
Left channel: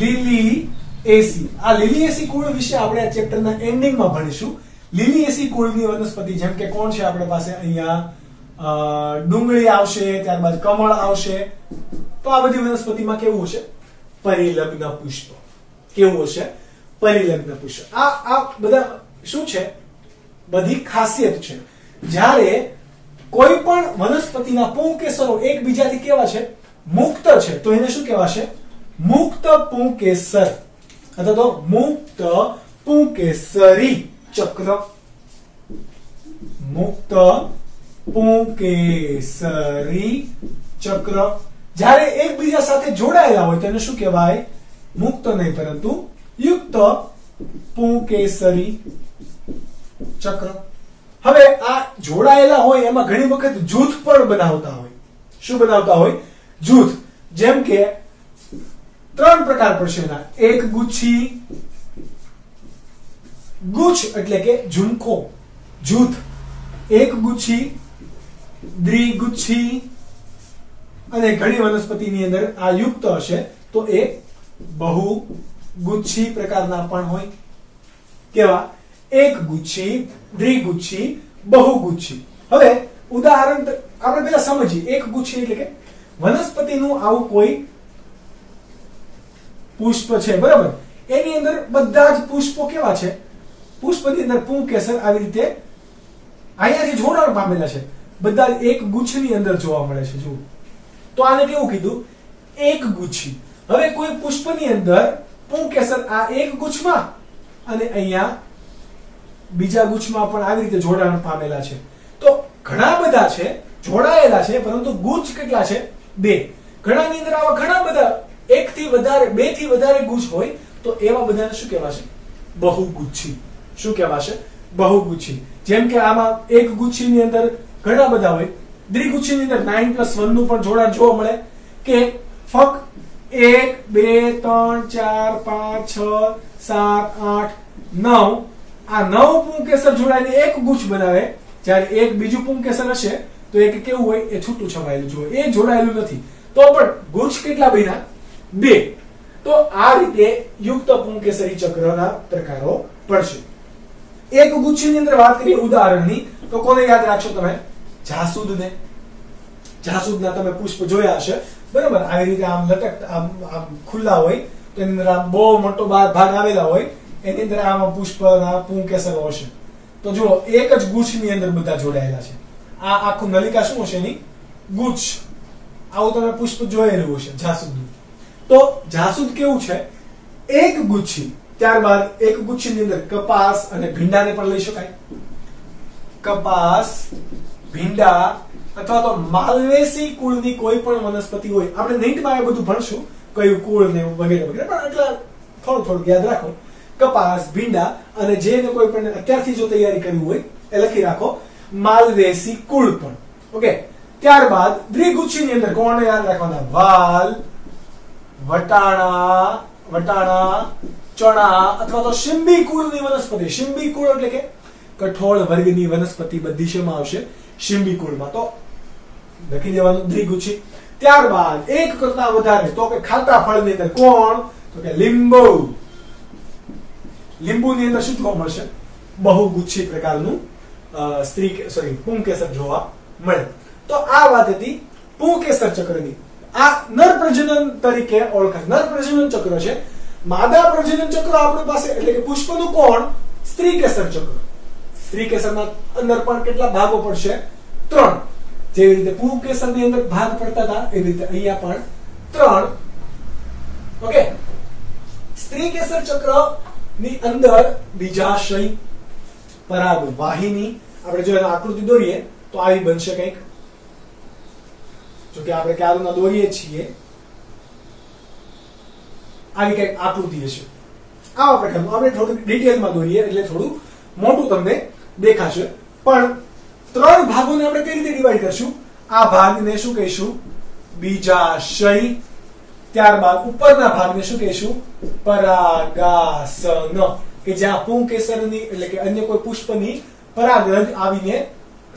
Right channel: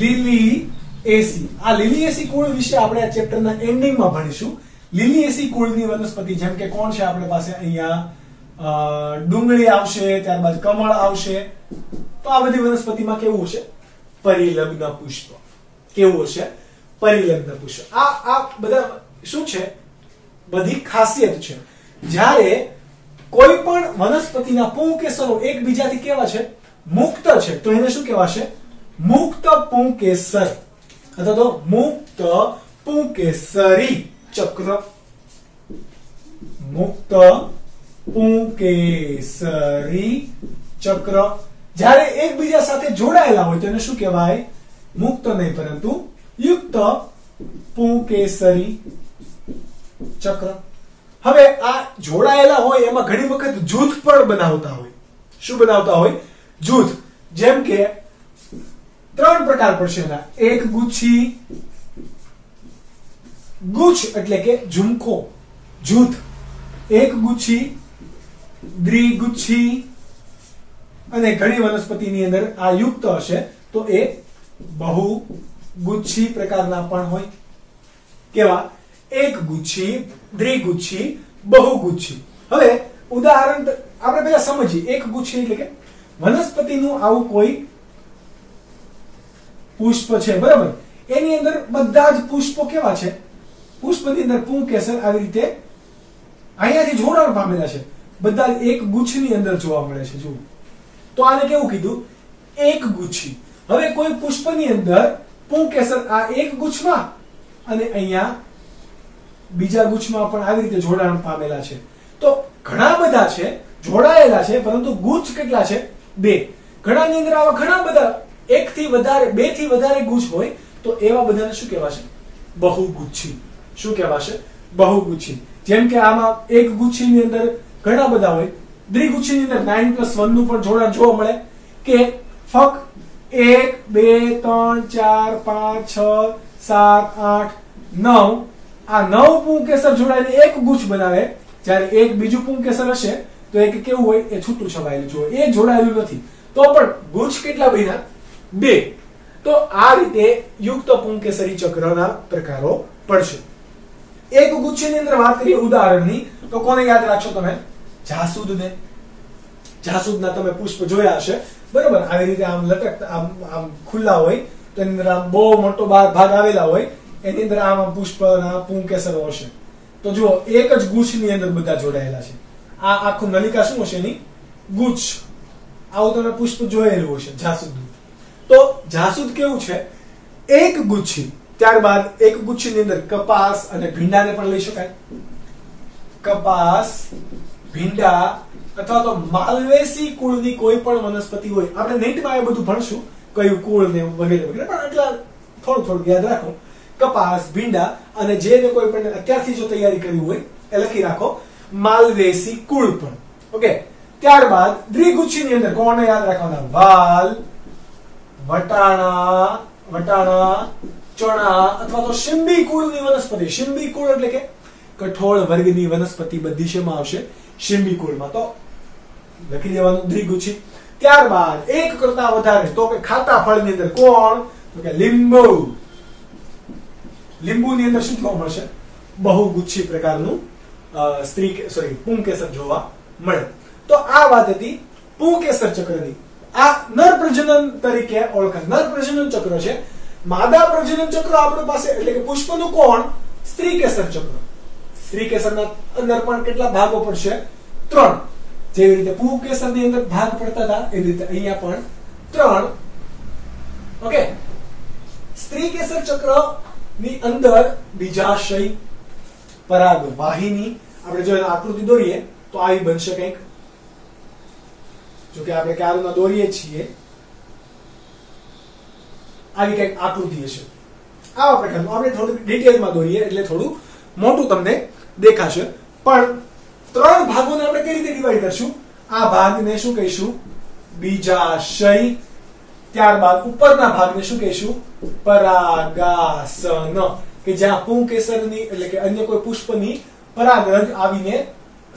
લીલિએસી આ લીલિએસી કુળ વિશે આપણે આ ચેપ્ટરના એન્ડિંગમાં ભણીશું લીલિએસી કુળની વનસ્પતિ જેમ કે કોણ છે આપણે પાસે અહીંયા ડુંગળી આવશે ત્યારબાદ કમળ આવશે તો આ બધી વનસ્પતિમાં કેવું હશે પરિલગ્ન પુષ્પ કેવું હશે પરિલગ્ન પુષ્પ આ બધા શું છે બધી ખાસિયત છે જ્યારે કોઈ પણ વનસ્પતિના પુંકેસરો એકબીજાથી કેવા છે મુક્ત છે તો એને શું કહેવાશે મુક્ત પુંકેસર અથવા તો મુક્ત પુંકેસરી ચક્ર મુક્ત પુંકેસરી ચક્ર જ્યારે એકબીજા સાથે જોડાયેલા હોય તો એને શું કહેવાય મુક્ત નહીં પરંતુ યુક્ત પુંકેસરી ચક્ર હવે આ જોડાયેલા હોય એમાં ઘણી વખત જૂથ પણ બનાવતા હોય શું બનાવતા હોય જૂથ જેમ કે ત્રણ પ્રકાર પડશે એના. એક ગુચ્છી, ગુચ્છ એટલે કે ઝુમખો, જૂથ. એક ગુચ્છી, દ્વિગુચ્છી, અને ઘણી વનસ્પતિની અંદર આ યુક્ત હશે તો એ બહુગુચ્છી પ્રકારના પણ હોય. કેવા? એક ગુચ્છી, દ્વિગુચ્છી, બહુગુચ્છી. હવે ઉદાહરણ આપણે પહેલા સમજીએ. એક ગુચ્છી એટલે કે વનસ્પતિનું આવું કોઈ પુષ્પ છે, બરાબર? એની અંદર બધા જ પુષ્પો કેવા છે? પુષ્પની અંદર પુંકેસર આવી રીતે અહીંયાથી જોડાણ પામેલા છે. બધા એક ગુચ્છની અંદર જોવા મળે છે. જુઓ તો આને કેવું કીધું? એક ગુચ્છી. હવે કોઈ પુષ્પની અંદર પુંકેસર આ એક ગુચ્છમાં અને અહીંયા બીજા ગુચ્છમાં પણ આવી રીતે જોડાણ પામેલા છે. તો ઘણા બધા છે, જોડાયેલા છે, પરંતુ ગુચ્છ કેટલા છે? બે. ઘણાની અંદર આવા ઘણા બધા એક થી વધારે, બે થી વધારે ગુચ્છ હોય તો એવા બધાને શું કહેવાશે? બહુગુચ્છી. શું કહેવાશે? બહુગુચ્છી. જેમ કે આમાં એક ગુચ્છીની અંદર ઘણા બધા હોય. દ્વિગુચ્છીની અંદર 9+1 નું પણ જોડાણ જોવા મળે કે ફક્ત 1 2 3 4 5 6 7 8 9 આ 9 પુંકેસર જોડાઈને એક ગુચ્છ બનાવે. જ્યારે એક બીજું પુંકેસર હશે તો એક કેવું હોય? એ છૂટું છવાયેલું જોવે, એ જોડાયેલું નથી. તો પણ ગુચ્છ કેટલા બન્યા? બે. તો આ રીતે યુક્ત પુંકેસરી ચક્રના પ્રકારો પડશે. એક ગુચ્છની અંદર વાત કરીએ ઉદાહરણની તો કોને યાદ રાખશો તમે? જાસૂદને. જાસૂદના તમે પુષ્પ જોયા હશે, બરાબર? આવી રીતે આમ લટકતા, આમ ખુલ્લા હોય તો એની અંદર આમ બહુ મોટો ભાગ આવેલા હોય, એની અંદર આમ પુષ્પના પુંકેસરો હશે. તો જુઓ એક જ ગુચ્છની અંદર બધા જોડાયેલા છે. આ આખું નલિકા શું હશે? એની ગુચ્છ. આવું તમે પુષ્પ જોયેલું હશે જાસૂદનું. તો જાસૂદ કેવું છે? એક ગુચ્છી. ત્યારબાદ એક ગુચ્છની અંદર કપાસ અને ભીંડાને પણ લઈ શકાય. કપાસ, ભીંડા અથવા તો માલવેસી કુળની કોઈ પણ વનસ્પતિ હોય. આપણે નીટમાં એ બધું ભણશું, કયું કુળ ને વગેરે વગેરે, પણ એટલા થોડું યાદ રાખો. કપાસ, ભીંડા અને જેને કોઈ પણ અત્યારથી જો તૈયારી કરવી હોય એ લખી રાખો, માલવેસી કુળ પણ. ઓકે. ત્યારબાદ દ્વિગુચ્છની અંદર કોને યાદ રાખવાના? વાલ, વટાણા, ચણા અથવા તો શિંબી કુળની વનસ્પતિ. શિંબી કુળ એટલે કે કઠોળ વર્ગની વનસ્પતિ બધી શેમાં આવશે? શિંબી કુળમાં. તો લખી દેવાનું દ્વિગુચ્છી. ત્યારબાદ એક કરતા વધારે તો કે ખાટા ફળની અંદર કોણ? તો કે લીંબુ. લીંબુની અંદર શું જોવા મળશે? બહુગુચ્છી પ્રકારનું પુંકેસર જોવા મળે. તો આ વાત હતી પુંકેસર ચક્રની. આ નર પ્રજનન તરીકે ઓળખાય. નર પ્રજનન ચક્ર છે. માદા પ્રજનન ચક્ર આપણી પાસે એટલે કે પુષ્પનું કોણ? સ્ત્રીકેસર ચક્ર. સ્ત્રીકેસરના અંદર પણ કેટલા ભાગો પડશે? 3. જેવી રીતે પુંકેસરની અંદર ભાગ પડતા હતા એવી રીતે અહીંયા પણ 3. ઓકે. સ્ત્રીકેસર ચક્ર ની અંદર બીજાશય, પરાગ વાહિની. આપણે જો આકૃતિ દોરીએ તો આવી બનશે કંઈક. જો કે આપણે ક્યારના દોરીએ છીએ, આવી કંઈક આકૃતિ હશે. આવા પ્રકારનું આપણે થોડું ડિટેલમાં દોરીએ એટલે થોડું મોટું તમને દેખાશે. પણ 3 ભાગોને આપણે કઈ રીતે ડિવાઈડ કરશું? આ ભાગને શું કહીશું? બીજાશય. ત્યારબાદ ઉપરના ભાગને શું કહીશું? પરાગાસન. કે જ્યાં પુંકેસરની એટલે કે અન્ય કોઈ પુષ્પની પરાગરજ આવીને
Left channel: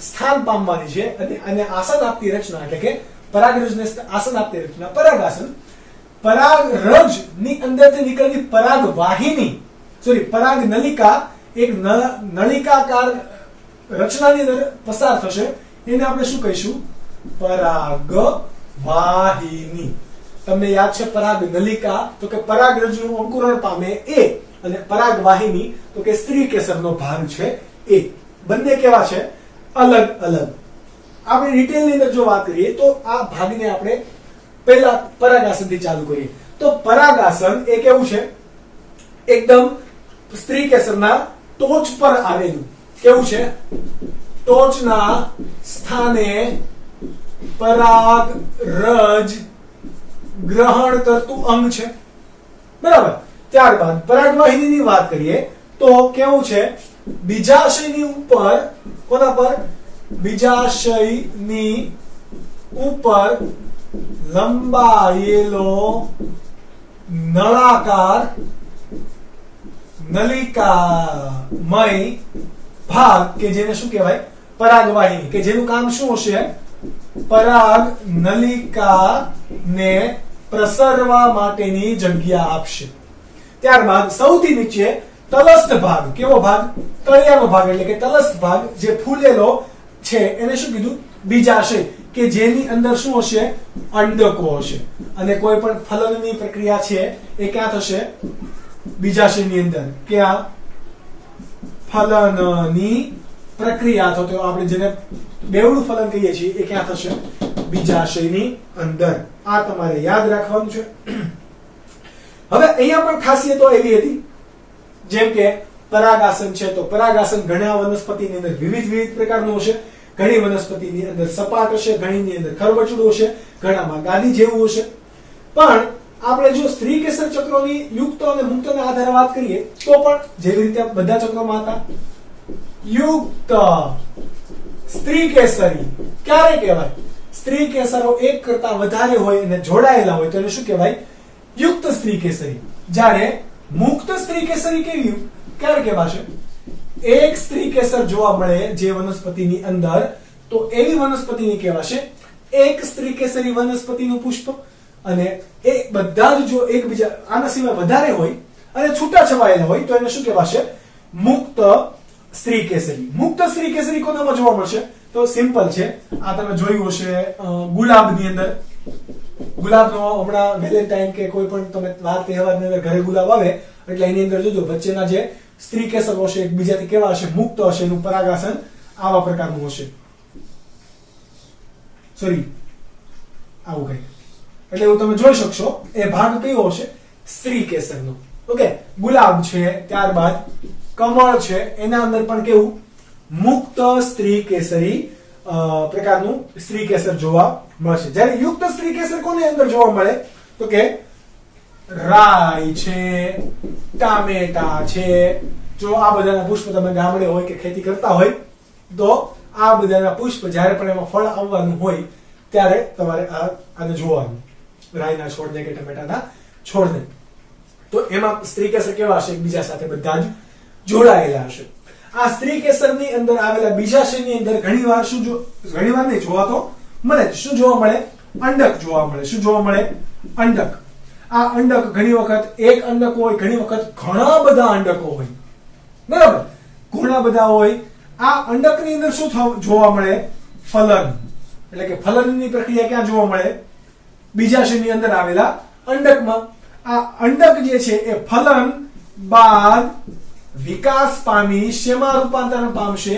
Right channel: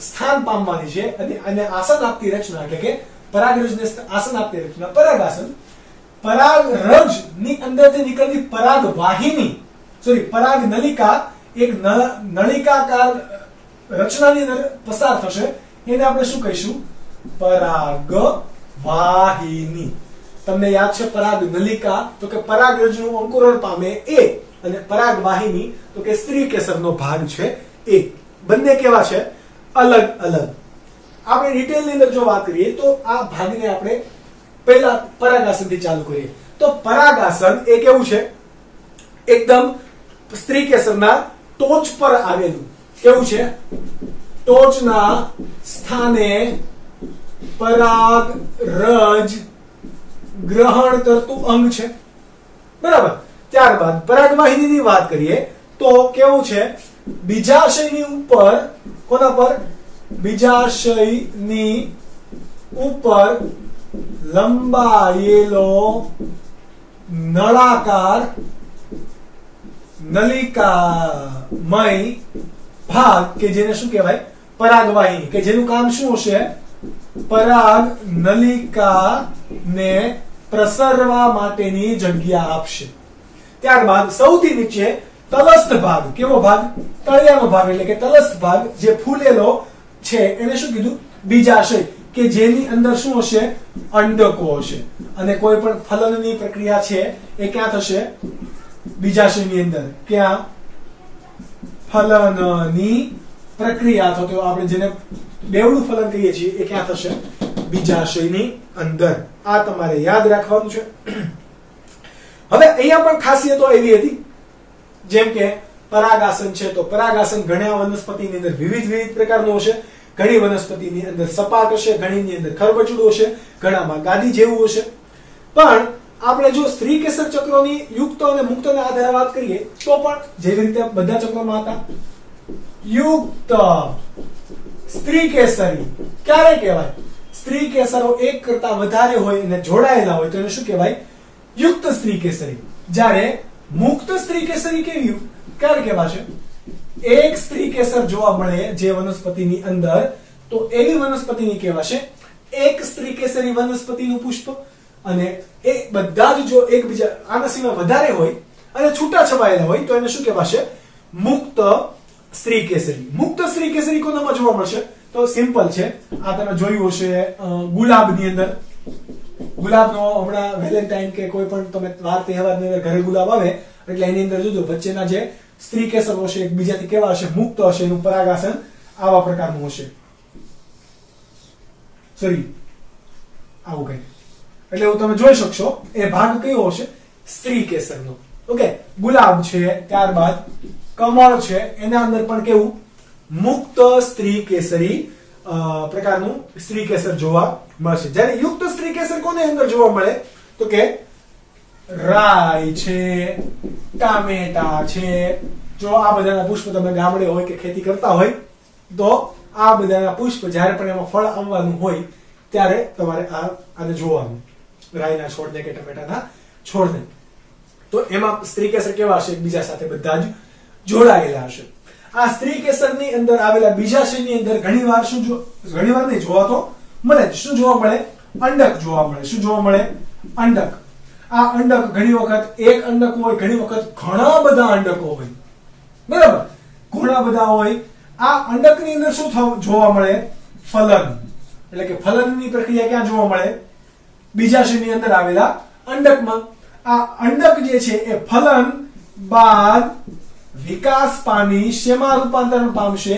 સ્થાન પામવાની છે અને આસન આપતી રચના એટલે કે પરાગરજને આસન આપતી રચના પરાગાસન. પરાગરજ ની અંદરથી નીકળતી પરાગ વાહિની, પરાગ નલિકા એક નળિકાકાર રચનાની અંદર પસાર થશે. એને આપણે શું કહીશું? પરાગ વાહિની. તમને યાદ છે પરાગ નલિકા તો કે પરાગરજનું અંકુરણ પામે એ, અને પરાગ વાહિની તો કે સ્ત્રીકેસરનો ભાગ છે એ. બંને કેવા છે? અલગ અલગ. આપણે ડિટેલની અંદર જો વાત કરીએ તો આ ભાગને આપણે પહેલા પરાગાસનથી ચાલુ કરીએ. તો પરાગાસન એ કેવું છે? એકદમ સ્ત્રીકેસરના ટોચ પર આવેલું. કેવું છે? ટોચના સ્થાને પરાગ રજ ગ્રહણ કરતું અંગ છે, બરાબર. ત્યારબાદ પરાગવાહિનીની વાત કરીએ તો કેવું છે? બીજાશયની ઉપર. કોના પર? બીજાશયની ઉપર લંબાયેલો નળાકાર નલિકામય ભાગ કે જેને શું કહેવાય પરાગવાહિની કે જેનું કામ શું હશે પરાગ નલિકાને પ્રસરવા માટેની જગ્યા આપશે ત્યારબાદ સૌથી નીચે તલસ્થ ભાગ કેવો ભાગ તળિયાનો ભાગ એટલે કે તલસ્થ ભાગ જે ફૂલેલો છે એને શું કીધું બીજાશય કે જેની અંદર શું હશે અંડકો હશે અને કોઈ પણ ફલનની પ્રક્રિયા છે એ ક્યાં થશે બીજાશયની અંદર ક્યાં ફલનની પ્રક્રિયા તો આપણે જેને બેવડું ફલન કહીએ છીએ એ ક્યાં થશે બીજાશયની અંદર આ તમારે યાદ રાખવાનું છે હવે અહીંયા પણ ખાસિયતો એવી હતી જેમ કે પરાગાસન છે તો પરાગાસન ઘણા વનસ્પતિની અંદર વિવિધ પ્રકારનું હશે ઘણી વનસ્પતિની અંદર સપાટ હશે ઘણીની અંદર ખરબચડું હશે ઘણામાં ગાદી જેવું હશે પણ આપણે જો સ્ત્રી કેસર ચક્રોની યુક્ત અને મુક્તના આધારે વાત કરીએ તો પણ જેવી રીતે બધા ચક્રોમાં હતા યુક્ત સ્ત્રી કેસરી ક્યારે કહેવાય સ્ત્રી કેસરો એક કરતા વધારે હોય અને જોડાયેલા હોય તો એને શું કહેવાય યુક્ત સ્ત્રી કેસરી જ્યારે મુક્ત સ્ત્રી કેસરી કેવી ક્યારે કહેવાશે એક સ્ત્રી કેસર જોવા મળે જે વનસ્પતિની અંદર તો એવી વનસ્પતિની કહેવાશે એક સ્ત્રી કેસરી વનસ્પતિનું પુષ્પ અને એ બધા જ જો એકબીજા આના સિવાય વધારે હોય અને છૂટા છવાયેલા હોય તો એને શું કહેવાશે મુક્ત સ્ત્રી કેસરી મુક્ત સ્ત્રી કેસરી કોનામાં જોવા મળશે તો સિમ્પલ છે આ તમે જોયું હશે ગુલાબની અંદર ગુલાબનો હમણાં વેલેન્ટાઇન કે કોઈ પણ તમે વાર તહેવારની અંદર ઘરે ગુલાબ આવે એટલે એની અંદર જોજો વચ્ચેના જે સ્ત્રી કેસર હશે એકબીજાથી કેવા હશે મુક્ત હશે એનું પરાગાસન આવા પ્રકારનું હશે સોરી આવું કઈ એટલે એવું તમે જોઈ શકશો એ ભાગ કયો હશે સ્ત્રી કેસરનો ઓકે ગુલાબ છે ત્યારબાદ કમળ છે એના અંદર પણ કેવું મુક્ત સ્ત્રી કેસરી પ્રકારનું સ્ત્રી કેસર જોવા મળશે જ્યારે યુક્ત સ્ત્રી કેસર કોને અંદર જોવા મળે તો કે રાઈ છે ટામેટા છે જો આ બધાના પુષ્પ તમે ગામડે હોય કે ખેતી કરતા હોય તો આ બધાના પુષ્પ જ્યારે પણ એમાં ફળ આવવાનું હોય ત્યારે તમારે આને જોવાનું રાઈના છોડને કે ટમેટાના છોડને તો એમાં સ્ત્રી કેસર કેવા હશે બીજા સાથે બધા જ જોડાયેલા હશે આ સ્ત્રી કેસરની અંદર આવેલા બીજાશયની અંદર ઘણીવાર નહીં જોવા તો મળે શું જોવા મળે અંડક જોવા મળે શું જોવા મળે અંડક આ અંડક ઘણી વખત એક અંડક હોય ઘણી વખત ઘણા બધા અંડકો હોય બરાબર ઘણા બધા હોય આ અંડકની અંદર શું જોવા મળે ફલન એટલે કે ફલનની પ્રક્રિયા ક્યાં જોવા મળે બીજાશયની અંદર આવેલા અંડકમાં આ અંડક જે છે એ ફલન બાદ વિકાસ પામી શેમાં રૂપાંતરણ પામશે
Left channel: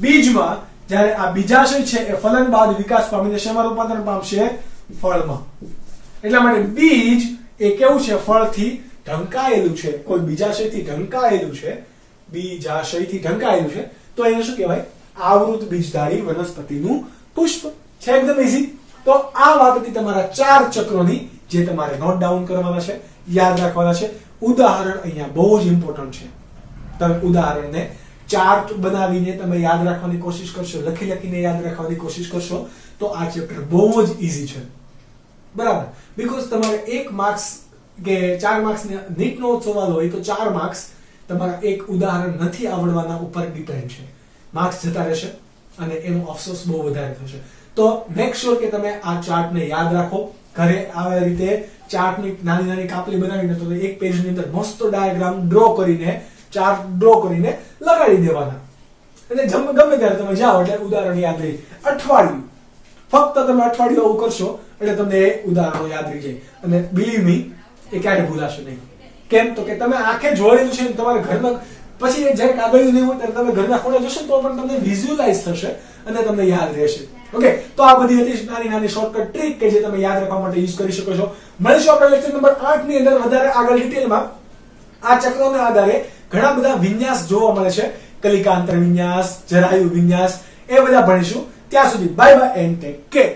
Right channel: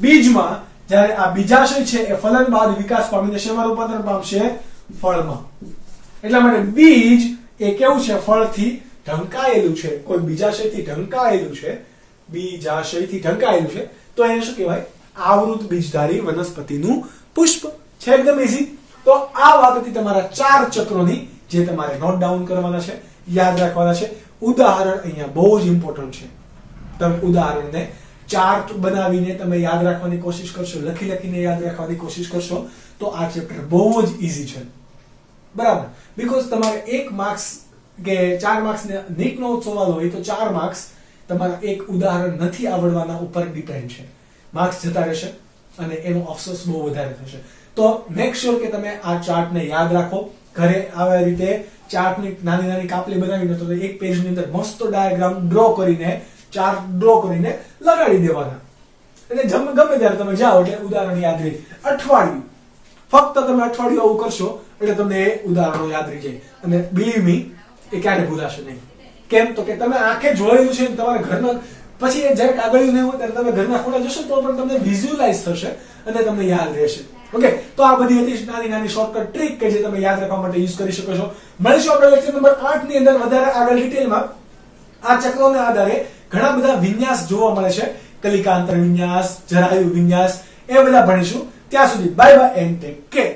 બીજમાં જ્યારે આ બીજાશય છે એ ફલન બાદ વિકાસ પામીને શેમાં રૂપાંતરણ પામશે ફળમાં એટલા માટે બીજ એ કેવું છે ફળથી ઢંકાયેલું છે કોઈ બીજાશયથી ઢંકાયેલું છે બીજાશયથી ઢંકાયેલું છે તો એને શું કહેવાય આવૃત બીજધારી વનસ્પતિનું પુષ્પ છે એકદમ ઈઝી તો આ વાત હતી તમારા 4 ચક્રોની જે તમારે નોટ ડાઉન કરવાના છે યાદ રાખવાના છે ઉદાહરણ અહીંયા બહુ જ ઇમ્પોર્ટન્ટ છે તમે ઉદાહરણને ચાર્ટ બનાવીને તમે યાદ રાખવાની કોશિશ કરશો લખીને યાદ રાખવાની કોશિશ કરશો તો આ ચેપ્ટર બહુ જ ઈઝી છે બરાબર બીકોઝ તમારે 1 માર્ક્સ કે 4 માર્ક્સ ને નીટનો સવાલ હોય તો 4 માર્ક્સ તમારા એક ઉદાહરણ નથી આવડવાના ઉપર ડિપેન્ડ છે માર્ક્સ જતા રહેશે અને એનો અફસોસ બહુ વધારે થશે તો મેક શ્યોર કે તમે આ ચાર્ટને યાદ રાખો ઘરે આવા રીતે ચાર્ટની નાની કાપલી બનાવીને તો એક પેજની અંદર મસ્ત ડાયાગ્રામ ડ્રો કરીને ચાર્ટ ડ્રો કરીને લગાડી દેવાના એટલે ગમે ત્યારે તમે જાઓ એટલે ઉદાહરણ યાદ રહી અઠવાડિયું ફક્ત તમે અઠવાડિયું આવું કરશો એટલે તમને એ ઉદાહરણો યાદ રહી જાય અને બિલીવ મી એ ક્યારે ભૂલાશે નહીં કેમ તો કે તમે આંખે જોયેલું છે તમારે ઘરના પછી જ્યારે કાગળિયું નહીં હોય ત્યારે તમે ઘરના ખૂણે જશો તો પણ તમને વિઝ્યુઅલાઇઝ થશે અને તમને યાદ રહેશે ઓકે તો આ બધી હતી નાની શોર્ટકટ ટ્રીક કે જે તમે યાદ રાખવા માટે યુઝ કરી શકો છો મળીશું આપણે લેક્ચર નંબર 8 ની અંદર વધારે આગળ ડિટેલમાં આ ચક્રોના આધારે ઘણા બધા વિન્યાસ જોવા મળે છે કલિકાંતર વિન્યાસ જરાયુ વિન્યાસ એ બધા ભણીશું ત્યાં સુધી bye bye and take care